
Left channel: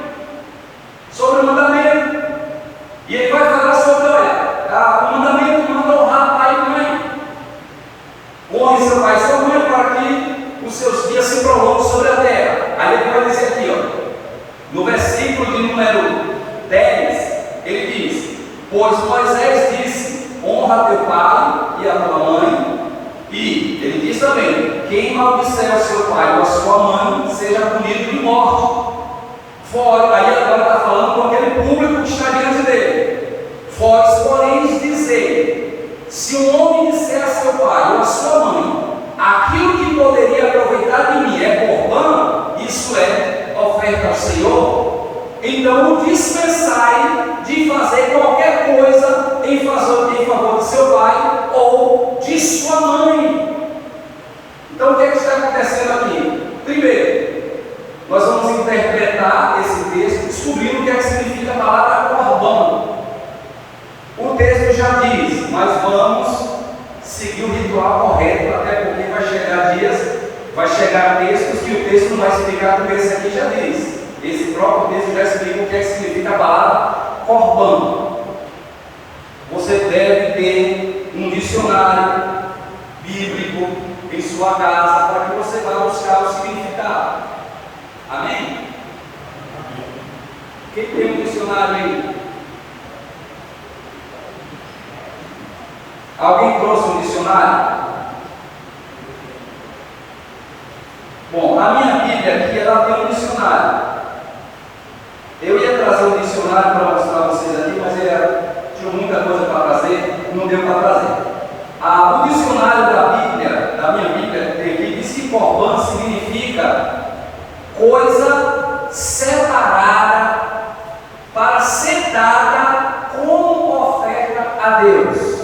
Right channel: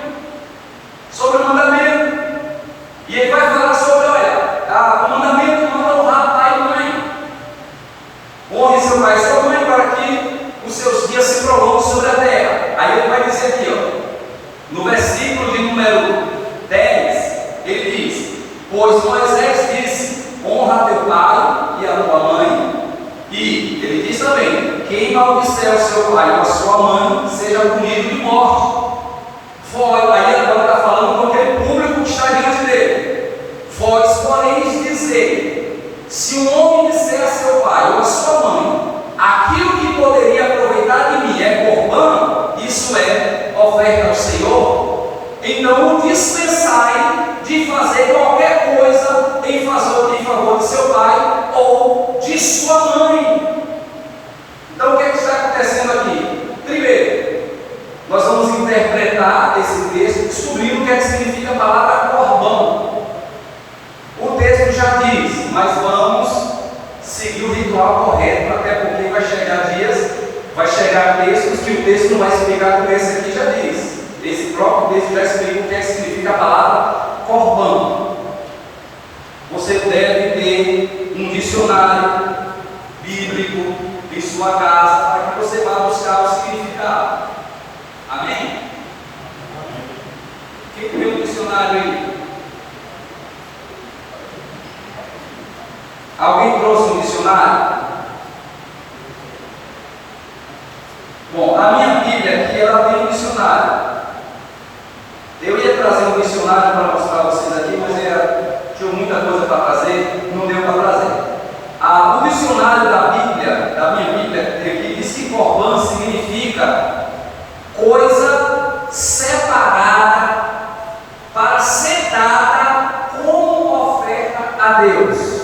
sobre o mandamento. E ele vai falar sobre, o mandamento manda honrar pai e mãe. Honre seu pai e sua mãe para que os seus dias se prolonguem sobre a terra. Aí ele vai dizer aqui, no versículo de número 10, ele diz: pois Moisés disse, honra teu pai e a tua mãe. E ele diz também, quem maldisser o seu pai ou a sua mãe, seja punido de morte. Aí agora está falando com aquele público que está diante dele. Vós, porém, dizer, se um homem disser a seu pai ou a sua mãe, aquilo que poderia aproveitar de mim é corbã, isso é oferta ao Senhor, então o dispensai de fazer qualquer coisa em favor de seu pai ou de sua mãe. Então o que está acontecendo aqui? Primeiro, nós vamos interpretar esse texto, descobrindo o que é que significa a palavra corbã. O texto já diz, mas vamos seguir o ritual correto, até porque vai chegar textos que o texto não vai explicar, como esse aqui já diz. Esse próprio texto já explica o que é que significa a palavra corbã. Você deve ter um dicionário bíblico em sua casa para que você vá buscar o significado. Amém? Quem tem um dicionário aí? Alguém trouxe um dicionário? Bom, a minha Bíblia aqui, ela tem um dicionário. Eu ia trazer um dicionário para mostrar a vocês aqui, mas tinha muita coisa para trazer, não deu para trazer. O dicionário da minha Bíblia, que tem aqui, diz que corbã significa coisa separada para ser dada como oferta a Deus.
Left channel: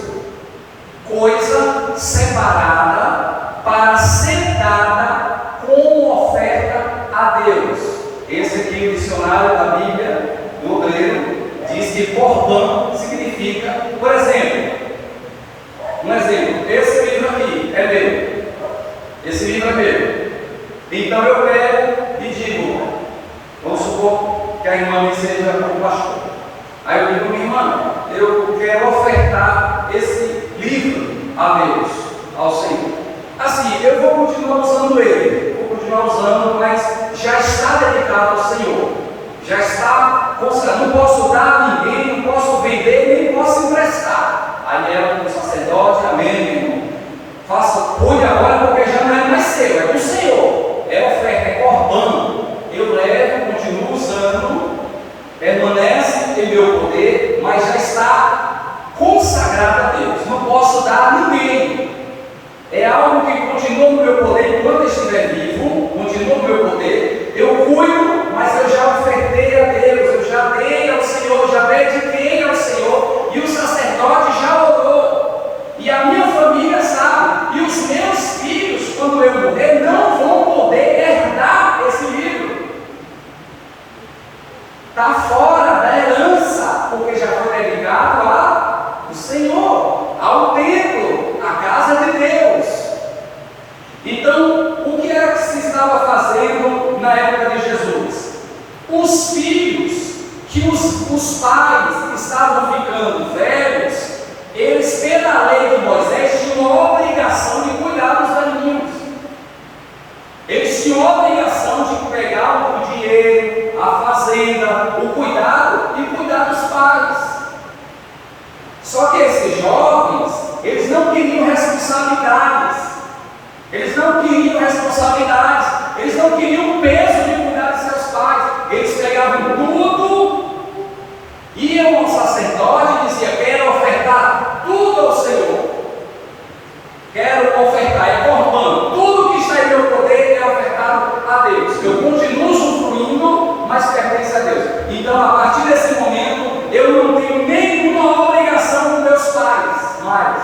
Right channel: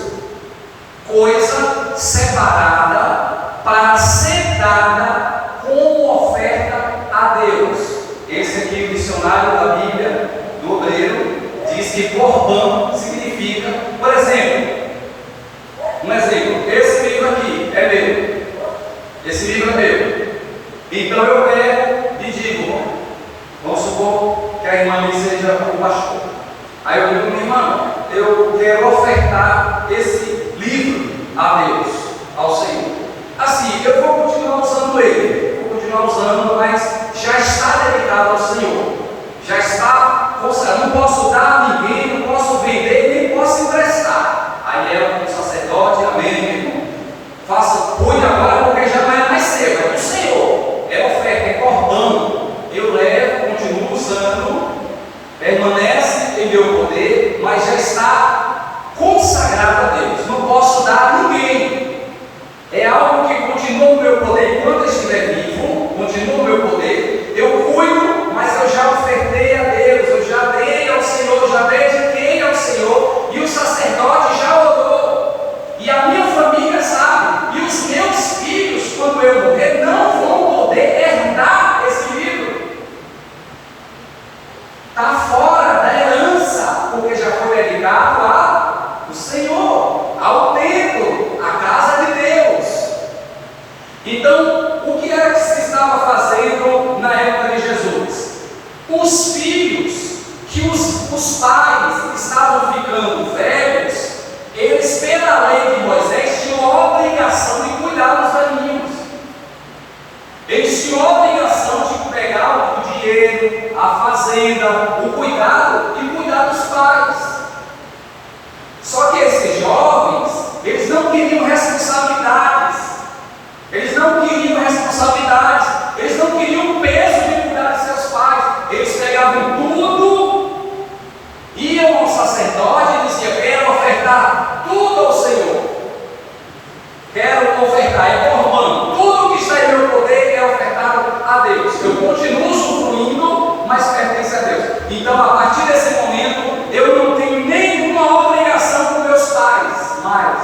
Coisa separada para ser dada como oferta a Deus. Esse aqui, o dicionário da Bíblia do Obreiro, diz que corbã significa, por exemplo, esse livro aqui é meu, esse livro é meu, então eu pego e digo, vamos supor que a irmã me seja o pastor, aí eu digo, minha irmã, eu quero ofertar esse livro a Deus, ao Senhor. Assim, eu vou continuar usando ele, está usando, mas já está dedicado ao Senhor, já está consagrado. Não posso dar a ninguém, não posso vender, nem posso emprestar. Aí ela, como sacerdote, amém, meu irmão, cuide agora, porque já não é mais seu, é do Senhor, é oferta, é corbano. Eu levo, continuo usando, permanece em meu poder, mas já está consagrado a Deus. Não posso dar a ninguém. É algo que continua no meu poder enquanto eu estiver vivo, continua no meu poder. Eu cuido, mas eu já ofertei a Deus, eu já dei ao Senhor, já dediquei ao Senhor, e o sacerdote já orou, e a minha família sabe, e os meus filhos, quando eu morrer, não vão poder herdar esse livro. Está fora da herança, porque já foi dedicado ao Senhor, ao templo, à casa de Deus. Então, o que era que se estava fazendo na época de Jesus? Os filhos, que os pais estavam ficando velhos, eles, pela lei de Moisés, tinham a obrigação de cuidar dos velhinhos. Eles tinham a obrigação de pegar o dinheiro, a fazenda, o cuidado e cuidar dos pais. Só que esses jovens, eles não queriam responsabilidades. Eles não queriam responsabilidades. Eles não queriam o peso de cuidar de seus pais. Eles pegavam tudo, iam ao sacerdote e diziam: quero ofertar tudo ao Senhor. Quero ofertar, é corbano. Tudo que está em meu poder é ofertado a Deus. Eu continuo usufruindo, mas pertence a Deus. Então, a partir desse momento, eu não tenho nenhuma obrigação com meus pais mais,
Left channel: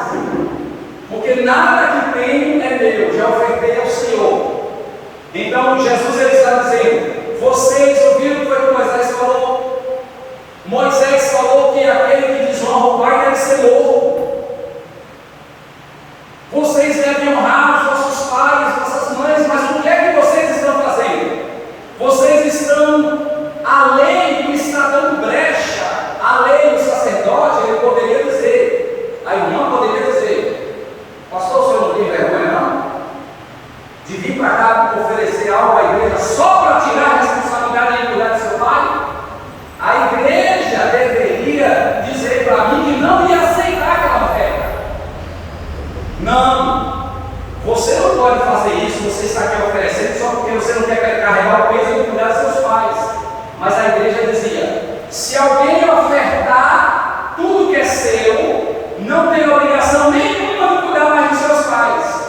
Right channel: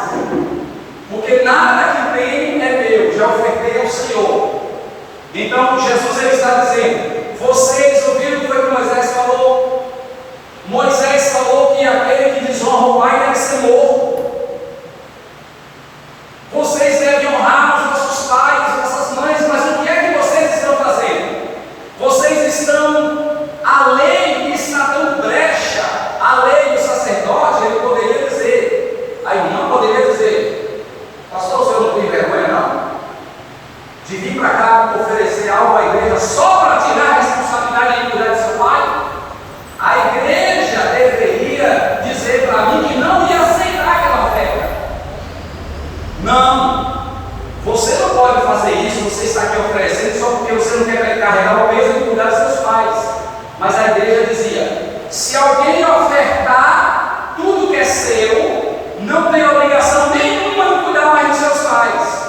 porque nada que tenho é meu, já ofertei ao Senhor. Então, Jesus ele está dizendo: vocês ouviram o que foi que Moisés falou? Moisés falou que aquele que desonra o pai deve ser morto. Vocês devem honrar os vossos pais, vossas mães, mas o que é que vocês estão fazendo? Vocês estão, a lei está dando brecha. A lei, o sacerdote, ele poderia dizer, a irmã poderia dizer: pastor, o senhor não tem vergonha não? De vir para cá oferecer algo à igreja só para tirar a responsabilidade de cuidar de seu pai? A igreja deveria dizer para mim que não ia aceitar aquela oferta. Não, você não pode fazer isso. Você está aqui oferecendo só porque você não quer carregar o peso de cuidar de seus pais. Mas a igreja dizia: se alguém ofertar tudo que é seu, não tem obrigação nenhuma de cuidar mais dos seus pais.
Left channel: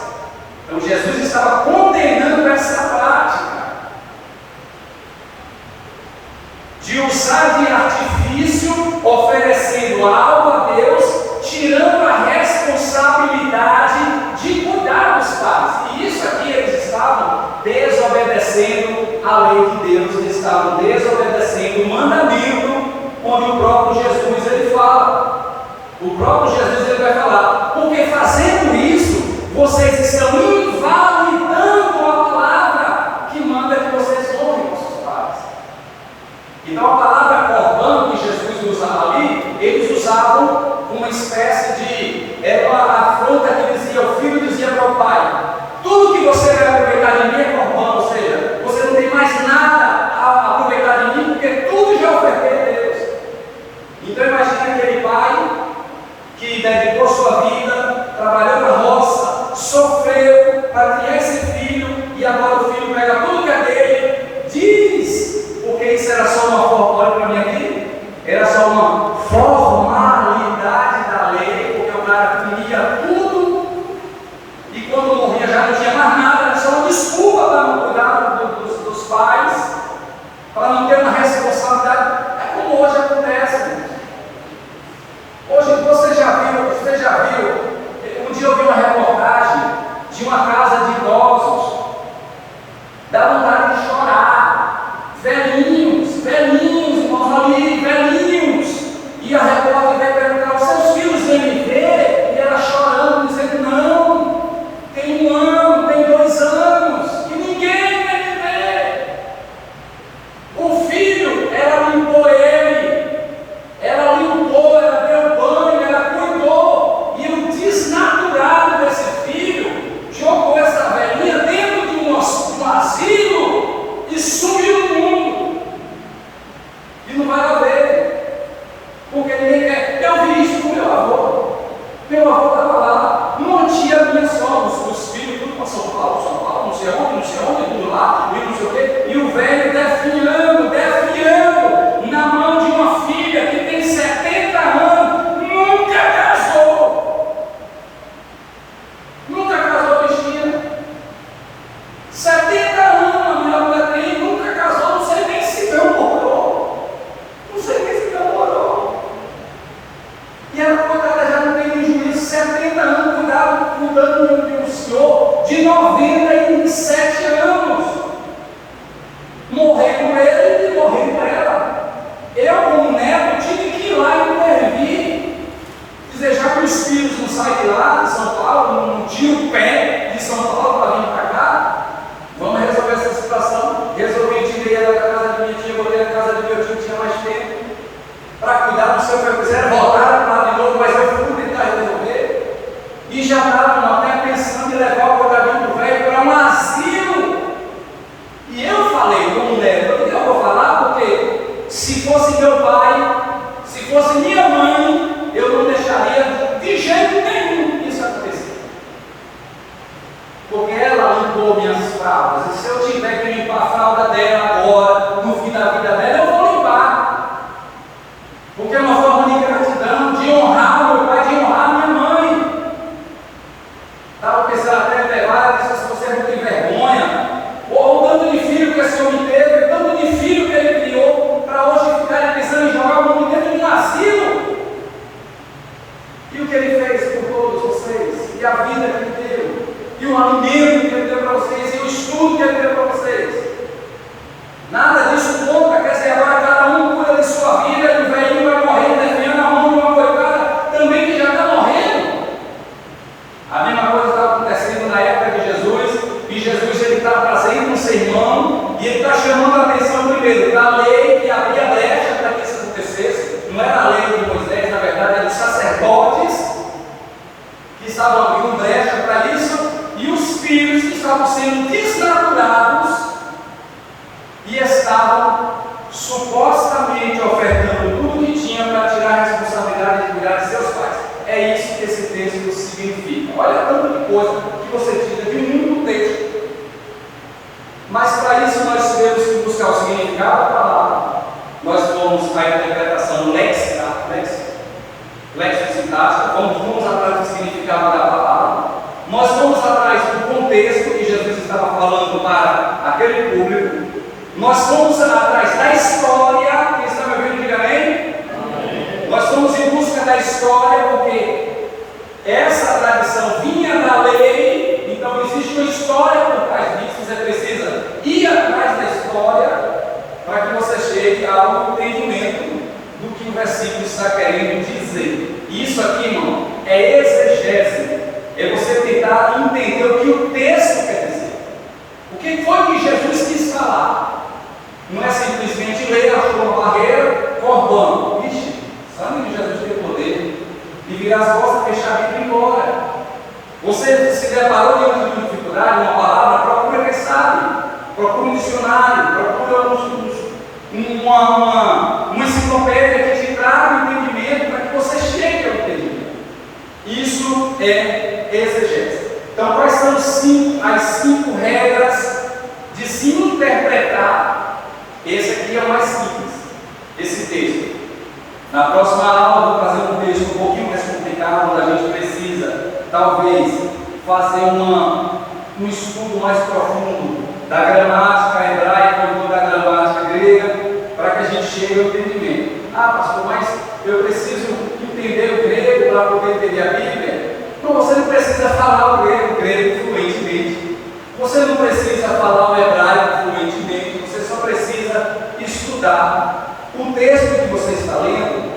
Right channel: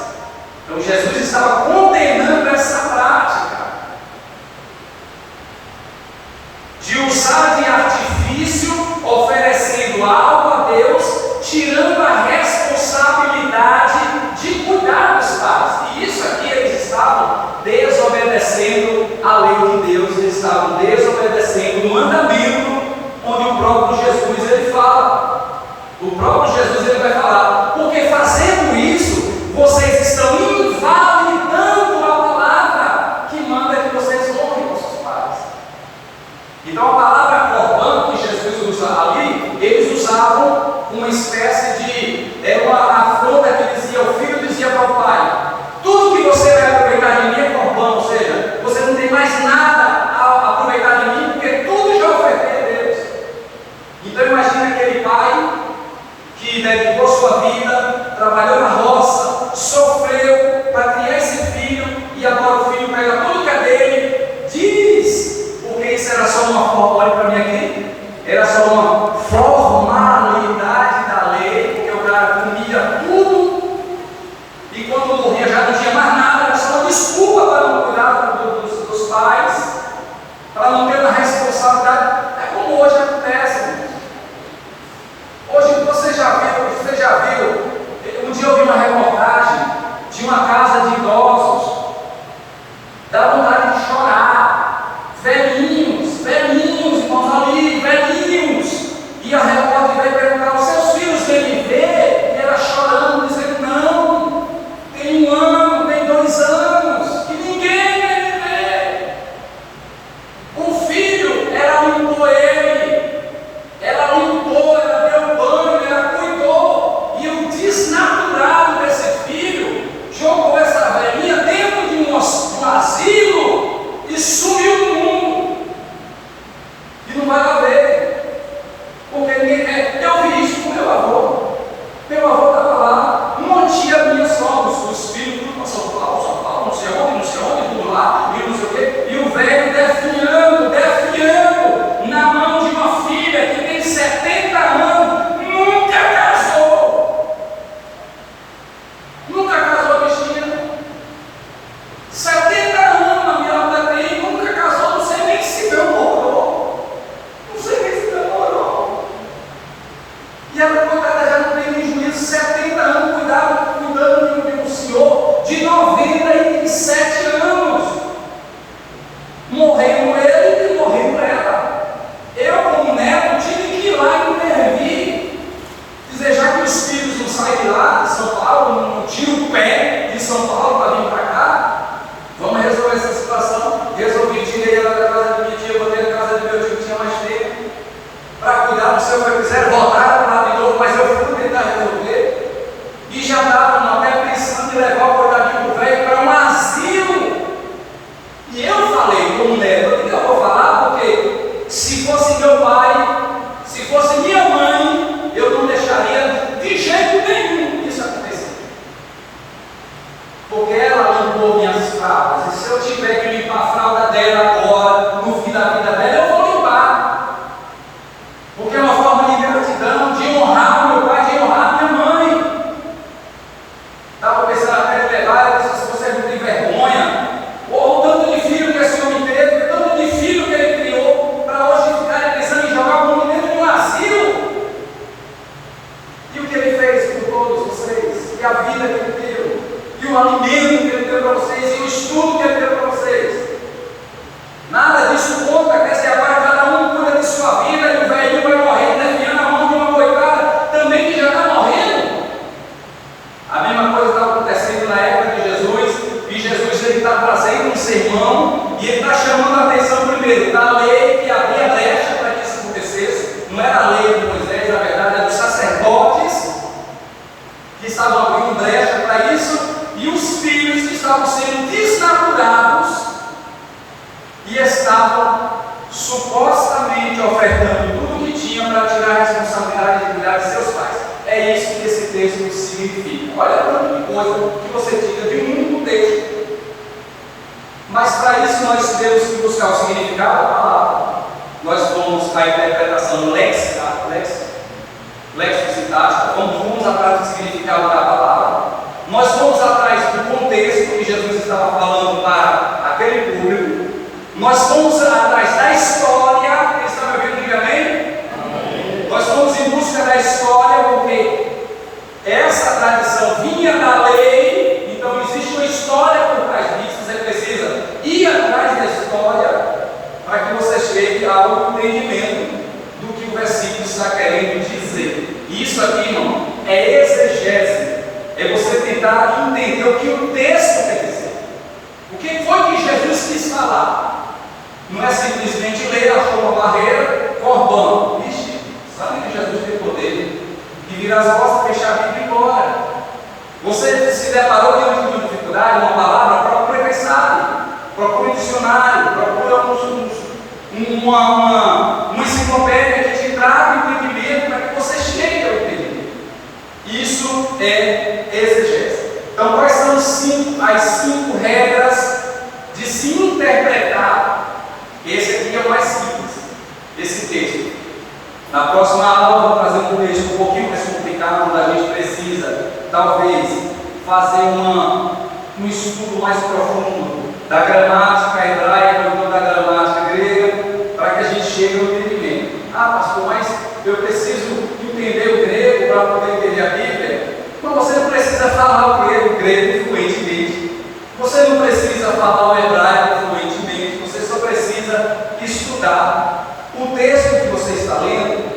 Então Jesus estava condenando essa prática de usar de artifício, oferecendo algo a Deus, tirando a responsabilidade de cuidar dos pais. E isso aqui eles estavam desobedecendo a lei de Deus, eles estavam desobedecendo o mandamento, onde o próprio Jesus ele fala. O próprio Jesus ele vai falar: porque fazendo isso, vocês estão invalidando a palavra que manda que vocês honrem vossos pais. Então a palavra corbano que Jesus usa ali, eles usavam uma espécie de, era uma afronta que dizia, o filho dizia para o pai: tudo que você vai aproveitar de mim é corbano, ou seja, você não tem mais nada a aproveitar de mim, porque tudo já ofertei a Deus. Então imagina aquele pai que dedicou sua vida, trabalhou na roça, sofreu para criar esse filho, e agora o filho pega tudo que é dele, diz, porque isso era só uma forma, olha para mim aqui, era só uma formalidade da lei, porque o cara comia tudo, e quando morria já não tinha mais nada, era só uma desculpa para não cuidar dos pais, para não ter uma responsabilidade. É como hoje acontece, irmãos. Hoje você já viu, um dia eu vi uma reportagem de uma casa de idosos, dá vontade de chorar, velhinhos, irmãos ali, velhinhos, e a repórter veio perguntar: os seus filhos vêm me ver? E ela chorando, dizendo: não, tem 1 ano, tem 2 anos, e ninguém vem me ver. O filho, ela limpou ele, ela deu banho, ela 70 anos cuidando de um senhor de 97 anos, morrendo ele e morrendo ela. Eu, como neto, tive que ir lá e intervir, dizer, já que os filhos não saem de lá, de São Paulo, não tiram o pé de São Paulo para vir para cá, vamos resolver essa situação. Resolvi, tirei ela da casa de minha tia, botei a casa do meu tio que tinha mais tempo, para cuidar do seu que eu quiser, voltaram para lá de novo, mas eu fui tentar resolver, e já estavam até pensando em levar o coitadinho do velho para um asilo. E eu falei, como neto, eu vou falar porque se fosse meu pai, se fosse minha mãe, eu não deixaria de jeito nenhum isso acontecer. Porque ela limpou minhas fraldas, e se eu tiver que limpar a fralda dela agora, no fim da vida dela, eu vou limpar. Porque é uma forma de gratidão, de honrar o meu pai, de honrar a minha mãe. Estava pensando até em levar, se você não tem vergonha, ou o tanto de filho que esse homem teve, tanto de filho que ele criou, para hoje ficar pensando em jogar o mundo dentro de um asilo. E o que ele fez por todos vocês, e a vida que ele deu, e o alimento que ele deu para vocês, e o estudo que ele deu para vocês. Nada disso conta, quer dizer, agora cada um cuida de sua vida, e o velhinho vai morrendo, desviando a mão de uma coitada também que já está morrendo. A mesma coisa estava acontecendo na época de Jesus, e Jesus ele está trazendo um sermão, e ele está chamando a atenção primeiro da lei que abria brecha para que isso acontecesse. Não era a lei de Moisés, na verdade, era dos sacerdotes que estavam abrindo brecha para isso, e os filhos que estavam sendo desnaturados e estavam supostamente ofertando tudo que tinha para tirar a responsabilidade de cuidar de seus pais. É isso que esse texto significa. Olha o tanto de coisa que você tira de um único texto. Mas para isso nós temos que buscar o significado da palavra. Nós vamos à interpretação lexicosintática, vamos atrás do significado da palavra. Nós vamos atrás do contexto que Jesus estava falando para aquele público. Nós vamos atrás da história. Quem está me ouvindo, diga amém? Amém. Nós vamos em busca da história, porque essa tradição vinha da lei, então existe uma história por trás disso. Você precisa ir atrás da história para que você chegue ao entendimento do que o versículo está querendo dizer. E isso aqui, irmão, é exegese. É você tentar entender o que o texto quer dizer. O que foi que Jesus quis falar? Não é simplesmente ler, achou uma barreira, cordão. Ixi, sabe que Jesus tem poder de virar as costas, deixar a Bíblia embora. Você se deparou diante de uma dificuldade, uma palavra, procure quem sabe, procure um dicionário, procure uma enciclopédia que te traga entendimento para que você chegue ao entendimento. Isso é exegese. Então, quais são as 5 regras de se interpretar? Esse aqui é o mais simples, esse texto. Na próxima aula, eu vou fazer um texto um pouquinho mais complicado, onde a gente precisa, talvez, fazer um estudo mais profundo da gramática hebraica ou da gramática grega, para que a gente chegue ao entendimento. Ah, pastor, mas eu preciso entender o grego para poder entender a Bíblia. Mas você não precisa falar o grego fluentemente. Você não precisa falar o hebraico fluentemente. Você só precisa estudar. O texto que você está lendo,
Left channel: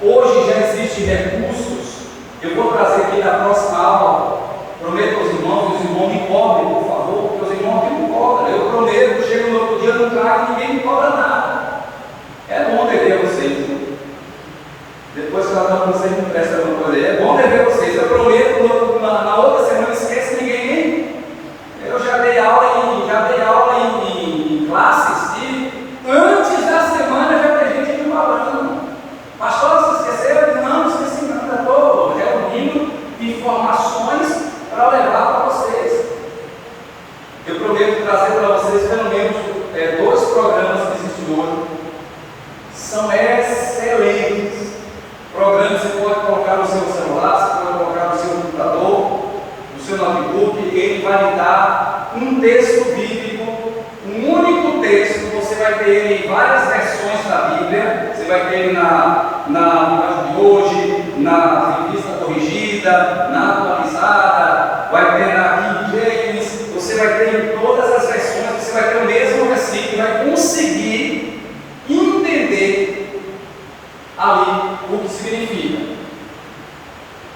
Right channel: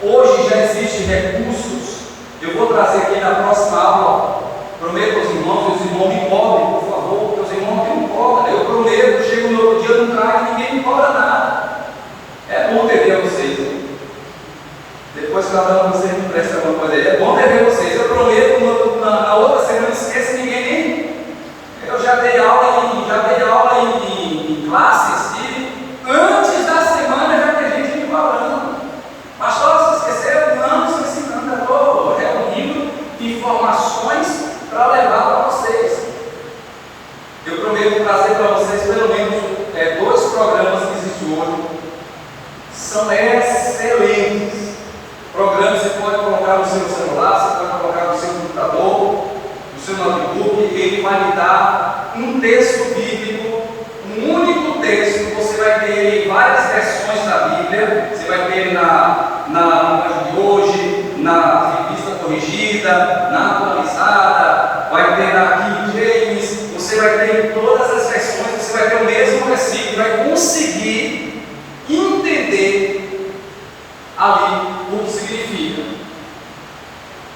hoje já existem recursos. Eu vou trazer aqui na próxima aula. Prometo aos irmãos, e os irmãos me cobrem, por favor, porque os irmãos me cobram. Eu prometo, chego no outro dia, não trago e ninguém me cobra nada. É bom ver vocês. Depois cada um de vocês me presta alguma coisa. É bom ver vocês. Eu prometo, na outra semana, esquece ninguém nem. Eu já dei aula em classes e antes da semana já tem gente me cobrando. Pastor, você esqueceu? Não estou ensinando. Eu estou reunindo informações para levar para vocês. Eu prometo trazer para vocês pelo menos 2 programas que existem hoje. São excelentes. Programas você pode colocar no seu celular, você pode colocar no seu computador, no seu notebook, e ele vai lhe dar um texto bíblico, um único texto. Você vai ter ele em várias versões da Bíblia. Você vai ter ele na linguagem de hoje, na revista corrigida, Revida, na Atualizada, vai ter na King James, você vai ter em todas as versões, você vai ter o mesmo versículo e vai conseguir entender ali o que significa.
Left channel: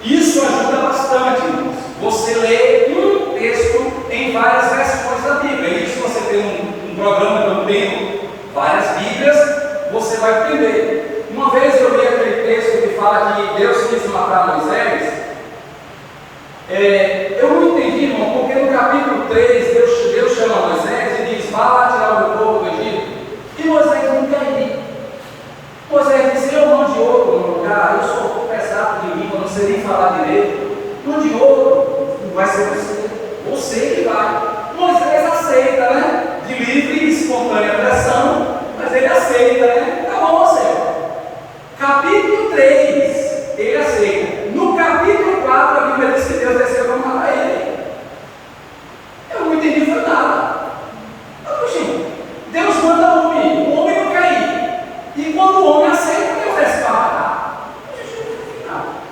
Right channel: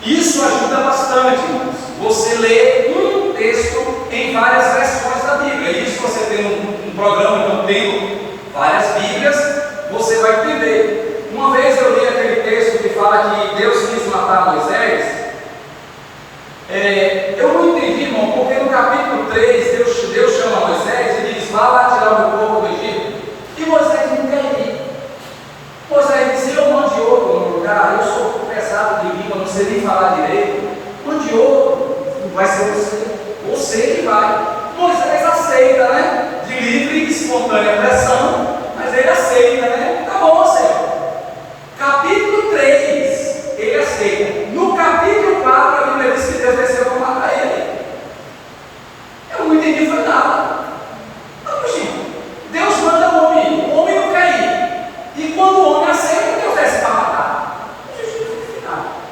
Isso ajuda bastante, irmãos. Você lê um texto em várias versões da Bíblia. E se você tem um programa, então tem várias Bíblias, você vai entender. Uma vez eu li aquele texto que fala que Deus quis matar Moisés. Eu não entendi, irmão, porque no capítulo 3 Deus chama Moisés e diz: vá lá tirar o meu povo do Egito. E Moisés não quer ir. Moisés disse: eu mando outro no lugar, eu sou pesado de língua, não sei nem falar direito. Mande outro, não vai ser você que vai. Moisés aceita, né? De livre e espontânea pressão, mas ele aceita, né? Tá bom, Senhor. Capítulo 3, ele aceita. No capítulo 4, a Bíblia diz que Deus desceu para matar ele. Eu não entendi, foi nada. Mas, gente, Deus manda o homem não quer ir. E quando o homem aceita, Deus desce para matar.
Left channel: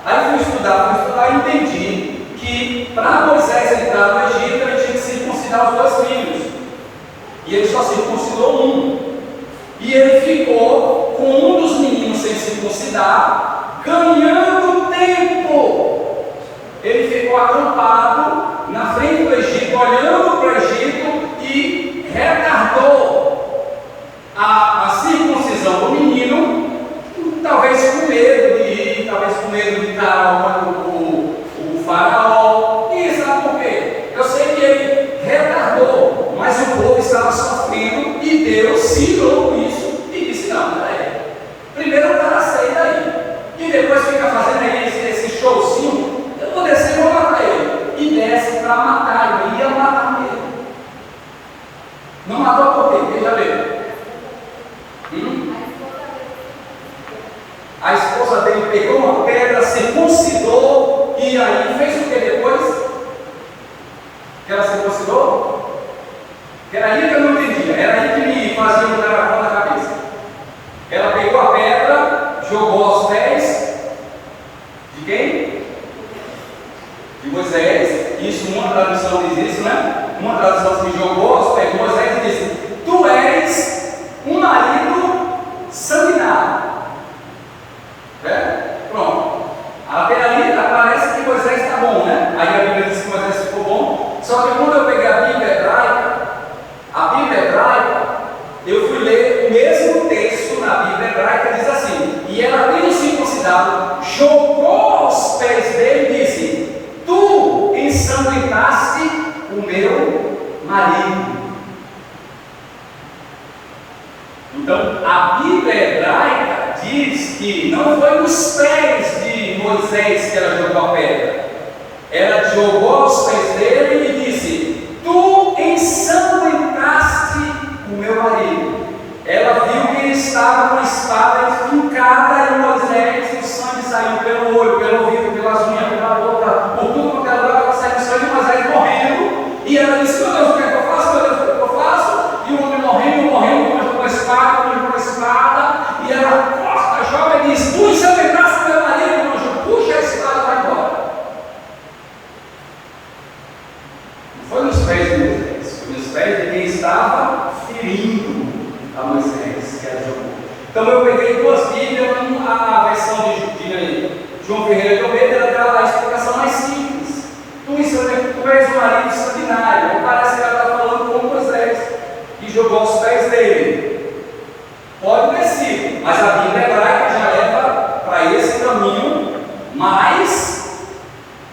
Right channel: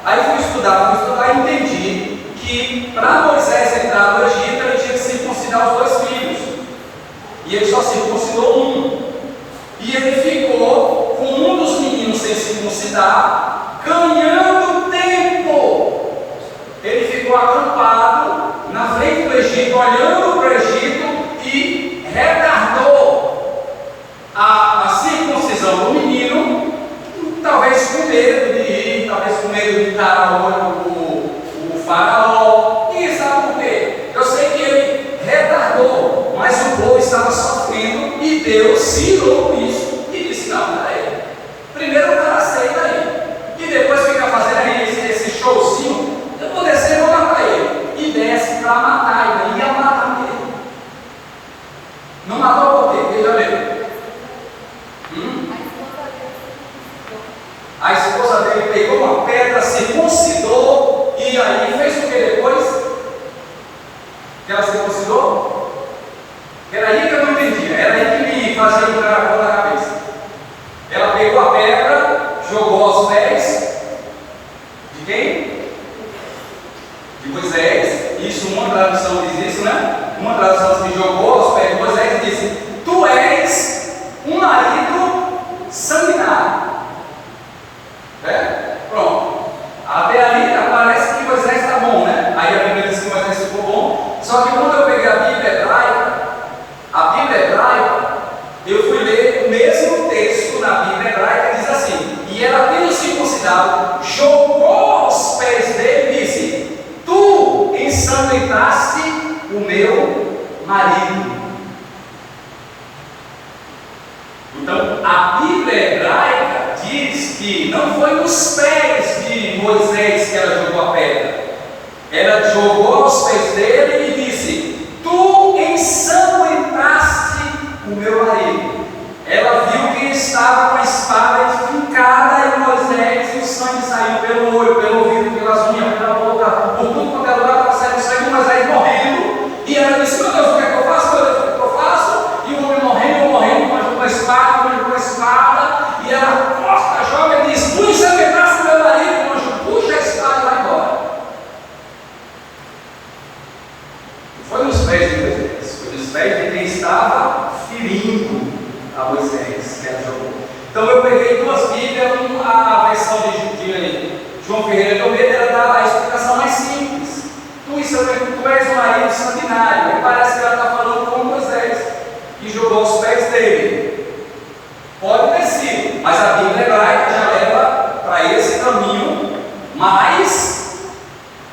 Aí fui estudar e entendi que para Moisés entrar no Egito, ele tinha que circuncidar os 2 filhos. E ele só circuncidou um. E ele ficou com um dos meninos sem circuncidar, ganhando tempo. Ele ficou acampado na frente do Egito, olhando para o Egito, e retardou a circuncisão do menino, talvez com medo de ir, talvez com medo de encarar o faraó. E sabe por quê? Eu sei que ele retardou, mas o povo estava sofrendo e Deus se irou com isso e disse: não, peraí, primeiro o cara aceita aí, e depois fica fazendo aí esse showzinho. Eu vou descer e vou matar ele. E desce para matar, ele ia matar ele. Não matou por quê? Quem já leu? A esposa dele pegou uma pedra, circuncidou, e aí fez o que depois? Que ela circuncidou? Era aí que eu não entendia, era aí que ele fazia o caracol na cabeça. Ela pegou a pedra, jogou aos pés de quem? De Moisés. Isso, uma tradução diz isso, né? Uma tradução diz: jogou aos pés de Moisés e disse: tu és um marido sanguinário. Pronto. Até ali parece que Moisés está bom, né? Aí a Bíblia diz que Moisés ficou bom. Só que quando eu peguei a Bíblia hebraica, eu fui ler o mesmo texto na Bíblia hebraica, diz assim: e ela, tendo circuncidado, jogou aos pés dele e disse: tu ensanguentaste o meu marido. Então, a Bíblia hebraica diz que não foi nos pés de Moisés que ela jogou a pedra. Ela jogou aos pés dele e disse: tu ensanguentaste o meu marido. Ela viu que ele estava com a espada fincada em Moisés, e o sangue saiu pelo olho, pelo ouvido, pelas unhas, pela boca, por tudo quanto era lugar, estava saindo sangue de Moisés morrendo. E ela disse: meu Deus, o que é que eu faço? Meu Deus, o que é que eu faço? E o homem morrendo, com a espada, e ela costa, joga e diz: tu ensanguentaste meu marido. O anjo puxa a espada e vai embora. Não foi nos pés de Moisés, foi nos pés de quem estava ferindo a Moisés que ela jogou. Então eu peguei 2 Bíblias, a versão de João Ferreira de Almeida, ela dá a explicação mais simples. Tu és o marido sanguinário. E parece que ela está falando com Moisés, e jogou aos pés dele. Pode ter sido, mas a Bíblia hebraica já leva para esse caminho, mas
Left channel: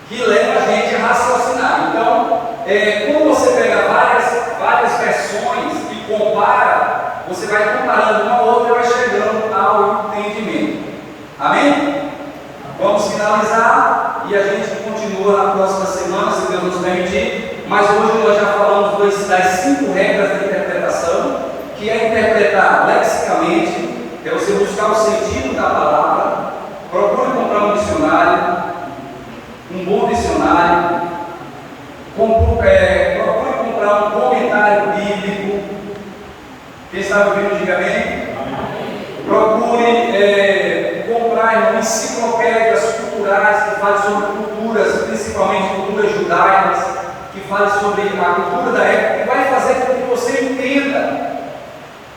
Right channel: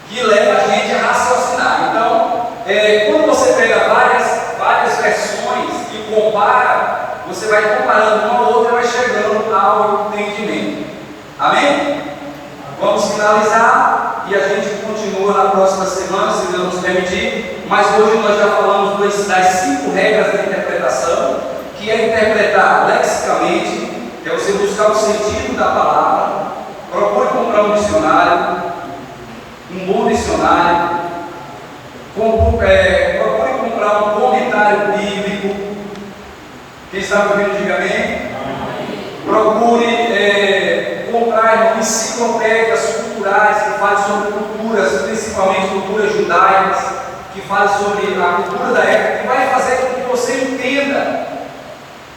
que leva a gente a raciocinar. Então, quando você pega várias versões e compara, você vai comparando uma a outra e vai chegando ao entendimento. Amém? Vamos finalizar e a gente continua na próxima semana, se Deus nos permitir. Mas hoje nós já falamos das 5 regras de interpretação, que é interpretar lexicamente, é você buscar o sentido da palavra. Procure comprar um dicionário, um bom dicionário. Procure comprar um comentário bíblico. Quem sabe ouvindo, diga amém. Procure comprar enciclopédias culturais que falam sobre culturas que fale sobre a cultura da época, que vai fazer com que você entenda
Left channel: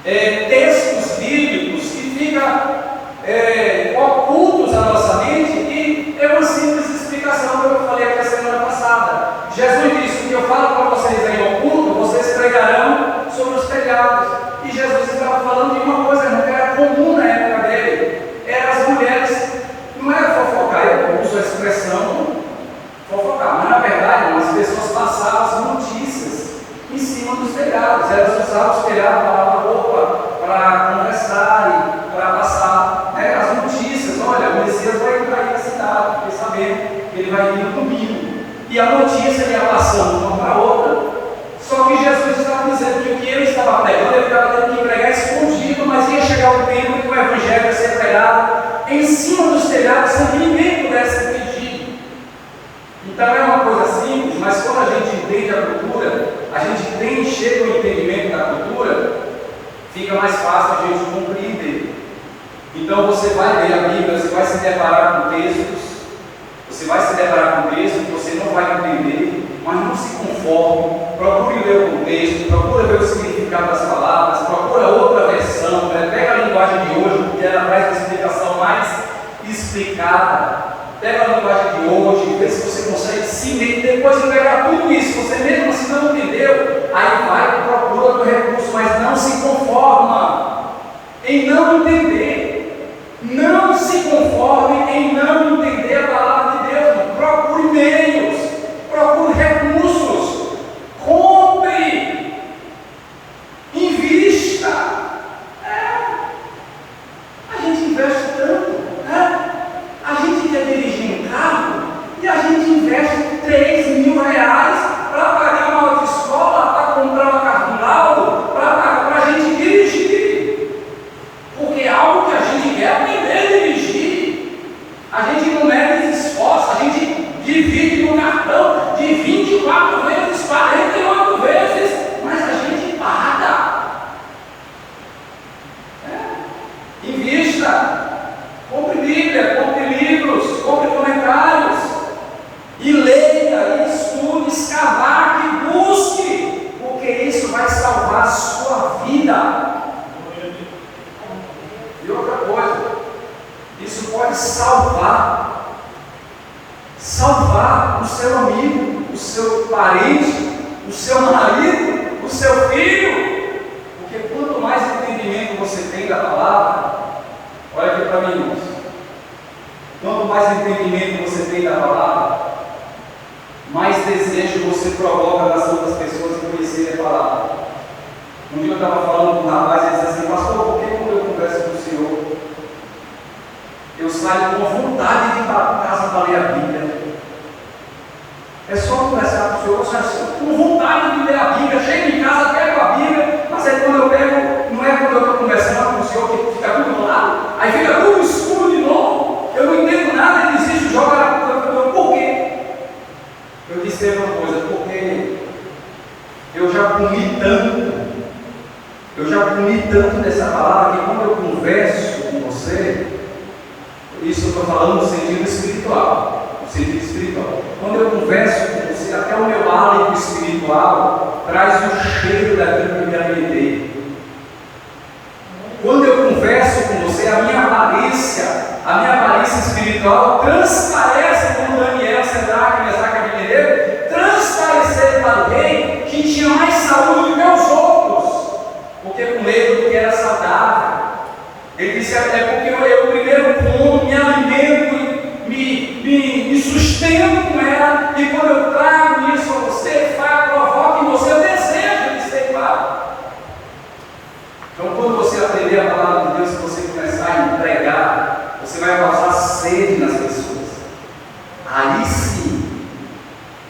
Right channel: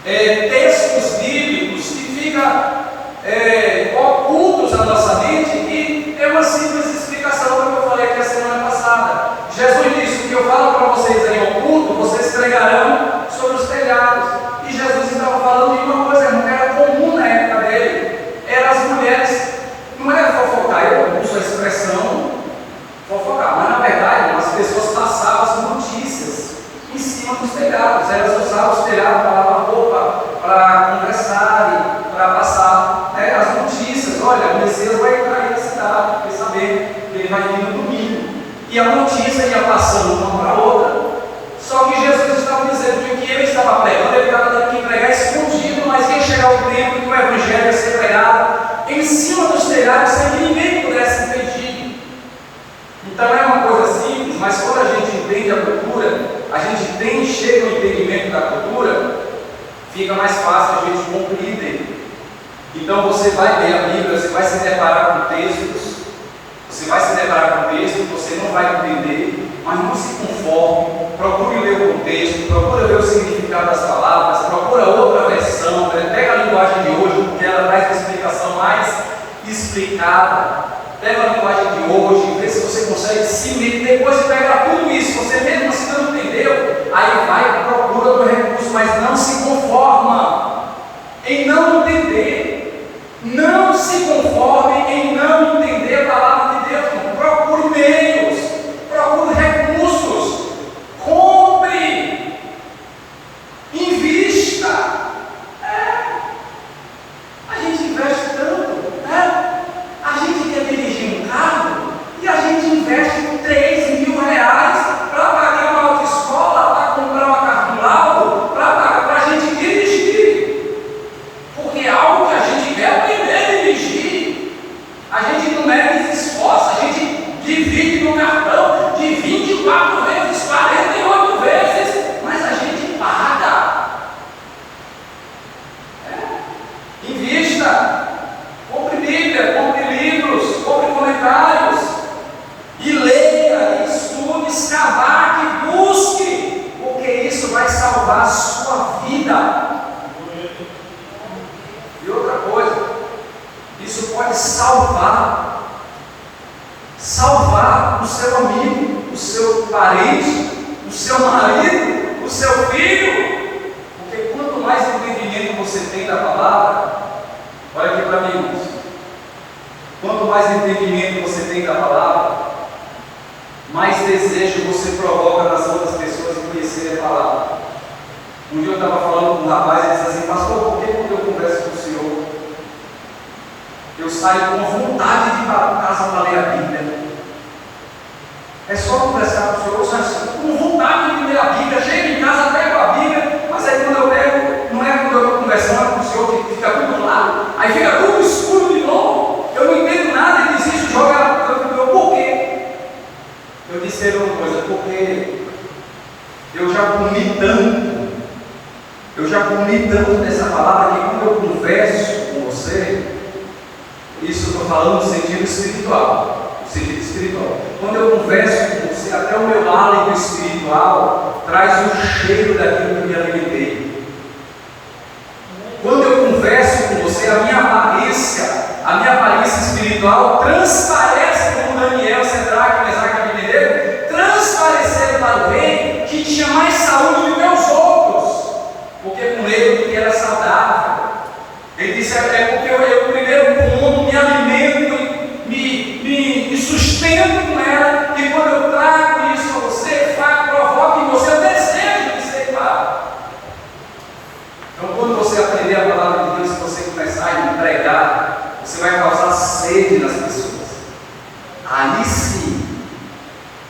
textos bíblicos que ficam ocultos à nossa mente, e é uma simples explicação do que eu falei aqui a semana passada. Jesus disse: o que eu falo para vocês em oculto, vocês pregarão sobre os telhados. E Jesus estava falando de uma coisa que era comum na época dele, eram as mulheres, não era fofocar, eu uso a expressão fofocar, mas na verdade as pessoas passavam as notícias em cima dos telhados, elas usavam os telhados para lavar roupa, para conversar e para passar as notícias. Olha, o Messias vai entrar aí na cidade, fiquei sabendo que ele vai vir no domingo, e a notícia ia passando uma para a outra. Só que Jesus estava dizendo que o que ele estava pregando, ele estava tendo que pregar escondido, mas ia chegar o tempo que o evangelho ia ser pregado em cima dos telhados, sem que ninguém pudesse impedir. Então é uma coisa simples, mas quando a gente entende a cultura, a gente chega ao entendimento da cultura, fica mais fácil a gente compreender. Então você vai ler a Bíblia, você vai se deparar com textos, você não vai entender, mas não se conforme, procure ler o contexto, procure ver o significado das palavras, procura outra versão, pega a linguagem de hoje, porque ela traz uma explicação mais explicada. Pega a linguagem de hoje, vê se você consegue se ler, depois de pegar tudo isso, você mesmo assim não entendeu, aí vai, procura outro recurso, mas não se conforma em não entender, não se conforme em não entender a palavra de Deus. Procure meios, procure recursos, compre, invista. A gente investe tanto, a gente quer dirigir um carro e a gente investe R$3.000 para pagar uma autoescola, para comprar uma carro do laudo, para pagar para a gente dirigir, porque é algo que a gente quer aprender a dirigir. A gente não mede esforço, a gente divide no cartão de 24 vezes, 48 vezes, mas a gente paga. Invista. Compre Bíblia, compre livros, compre comentários, e leia, e estude, escavaque, busque, porque isso vai salvar a sua vida. E outra coisa, isso pode salvar o seu amigo, o seu parente, o seu marido, o seu filho, porque quanto mais entendimento você tem da palavra, olha aqui para mim, irmãos. Quanto mais entendimento você tem da palavra, mais desejo você provoca nas outras pessoas de conhecerem a palavra. Um dia eu estava falando com um rapaz, ele disse assim: pastor, por que quando eu converso com o senhor, eu saio com vontade de ir para casa para ler a Bíblia? É só conversar com o senhor, eu saio com vontade de ler a Bíblia, chego em casa, pego a Bíblia, mas aí quando eu pego, não é quando eu estou conversando com o senhor que fica tudo claro, aí fica tudo escuro de novo, eu não entendo nada, e desisto, joga ela para o canto. Por quê? Eu disse a ele uma coisa: porque eu já comi tanto dessa palavra, que quando eu converso com você, isso eu estou falando no sentido espiritual. Quando eu converso com você, até o meu hálito espiritual traz o cheiro daquilo que eu me alimentei. Quando eu converso com você, a minha aparência espiritual transparece, como Daniel, Sadraque, Mesaque e Abednego transpareceram para o rei, que tinha mais saúde do que os outros, porque com ele do que era saudável. Ele disse: é porque eu primeiro como, me alimento e me sustento com ela, e quando eu trago isso a você, provoca em você o desejo de ser igual. Então, quando você aprender a palavra de Deus, se você começar a pregar, você vai causar sede nas pessoas. Aí sim,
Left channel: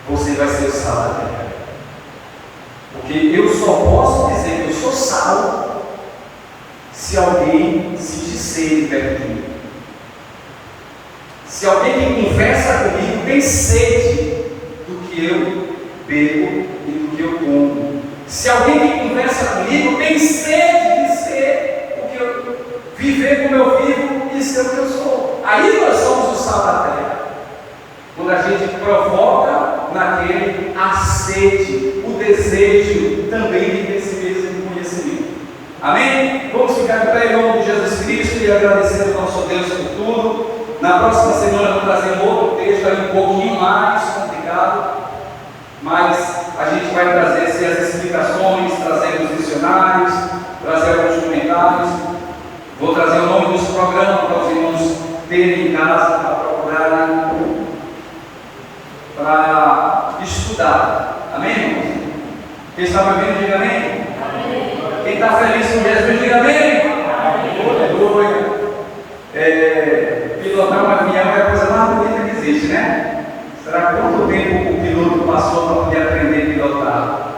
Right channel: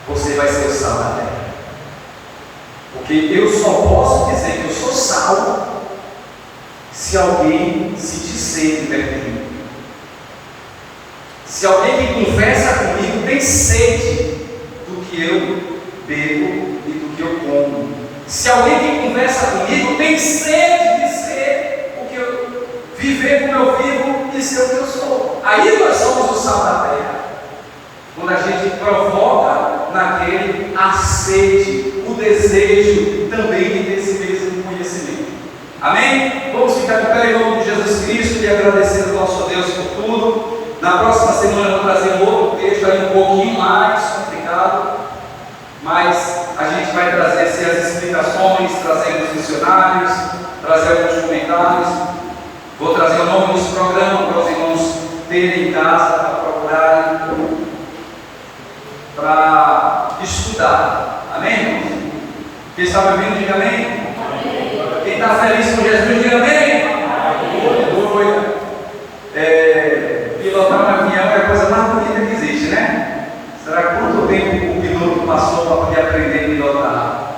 você vai ser o sal da terra. Porque eu só posso dizer que eu sou sal se alguém sentir sede perto de mim. Se alguém que conversa comigo tem sede do que eu bebo e do que eu como. Se alguém que conversa comigo tem sede de ser o que eu viver como eu vivo e ser o que eu sou. Aí nós somos o sal da terra. Quando a gente provoca naquele a sede, o desejo também de ter esse mesmo conhecimento. Amém? Vamos ficar de pé em nome de Jesus Cristo e agradecer ao nosso Deus por tudo. Na próxima semana eu vou trazer um outro texto aí um pouquinho mais complicado, mas a gente vai trazer as explicações, trazer os dicionários, trazer alguns comentários. Vou trazer o nome dos programas para os irmãos terem em casa, para procurarem, para estudar. Amém, irmãos? Quem está me ouvindo, diga amém. Amém. Quem está feliz com Jesus, diga amém. Aleluia. Pilotar um avião é a coisa mais bonita que existe, né? Será quanto tempo o piloto passou para poder aprender a pilotar?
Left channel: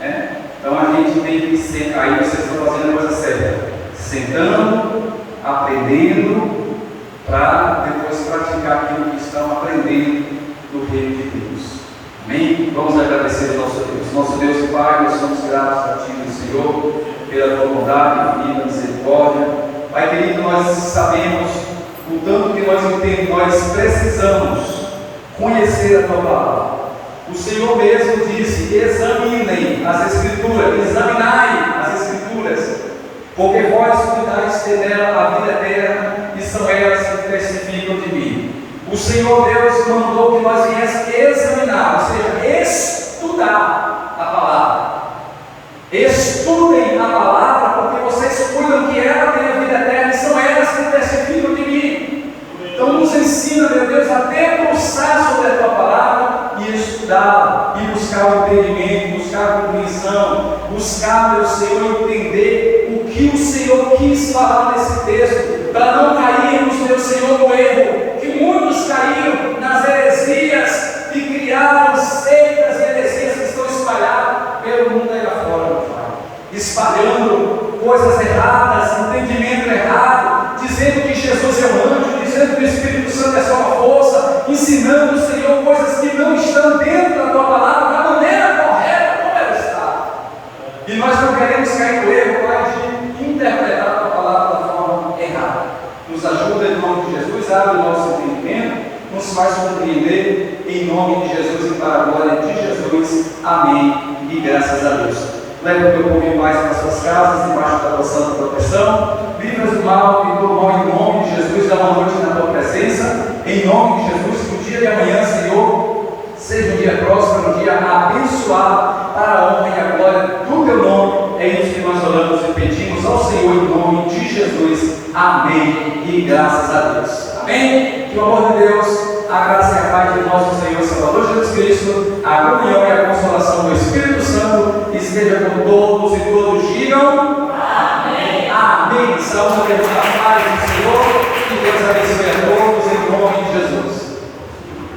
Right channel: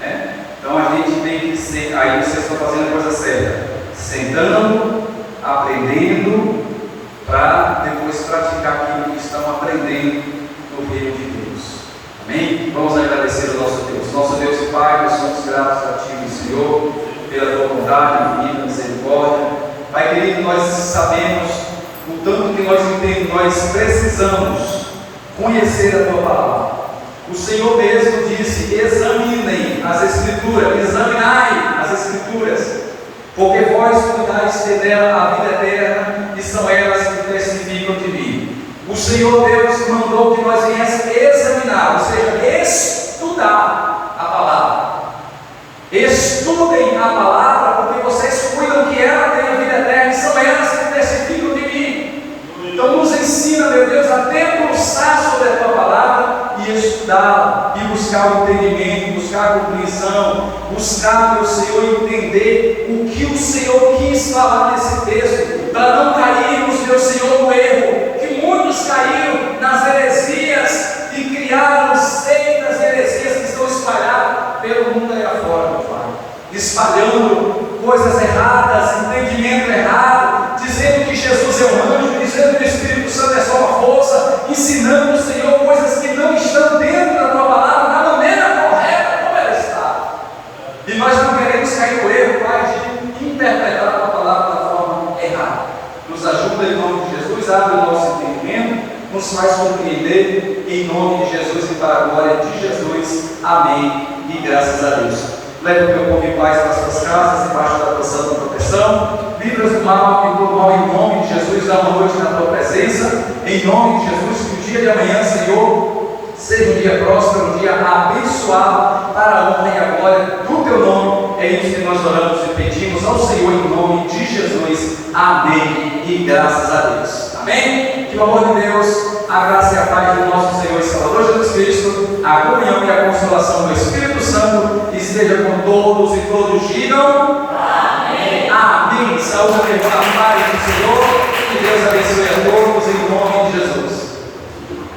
Né? Então a gente tem que ser, aí vocês estão fazendo a coisa certa, sentando, aprendendo, para depois praticar aquilo que estão aprendendo no reino de Deus. Amém? Vamos agradecer ao nosso Deus. Nosso Deus e Pai, nós somos gratos a Ti, meu Senhor, pela Tua bondade, infinita misericórdia. Pai querido, nós sabemos o tanto que nós entendemos, nós precisamos conhecer a Tua palavra. O Senhor mesmo disse: examinem as Escrituras, examinai as Escrituras, porque vós cuidais dela a vida eterna, e são elas que testificam de mim. O Senhor Deus mandou que nós viéssemos examinar, ou seja, estudar a palavra. Estudem a palavra, porque vocês cuidam que ela tem a vida eterna, e são elas que testificam de mim. Então nos ensina, meu Deus, a debruçar sobre a Tua palavra e estudá-la, e buscar o entendimento, buscar a compreensão, buscar, meu Senhor, entender o que o Senhor quis falar nesse texto, para não cairmos, meu Senhor, no erro, que muitos caíram nas heresias e criaram seitas e heresias que estão espalhadas pelo mundo aí afora, meu Pai, espalhando coisas erradas, entendimento errado, dizendo que Jesus é um anjo, dizendo que o Espírito Santo é só uma força, ensinando, Senhor, coisas que não estão dentro da Tua palavra, da maneira correta como ela está. E nós não queremos cair no erro, Pai, de interpretar a Tua palavra da forma errada. Nos ajuda em nome de Jesus, abre o nosso entendimento, nos faz compreender em nome de Jesus e para a glória de Jesus. Amém. E graças a Deus. Leva o Teu povo em paz para as Tuas casas, embaixo da Tua santa proteção. Livra-os do mal e todo mal em nome de Jesus. Dá uma noite na Tua presença. Em nome de Jesus, que o dia de amanhã, Senhor, seja um dia próspero, um dia abençoado para a honra e a glória do Teu nome. É isso que nós oramos e pedimos ao Senhor em nome de Jesus. Amém. E graças a Deus. Amém. Que o amor de Deus, a graça e a paz do nosso Senhor e Salvador Jesus Cristo, a comunhão e a consolação do Espírito Santo esteja com todos e todos digam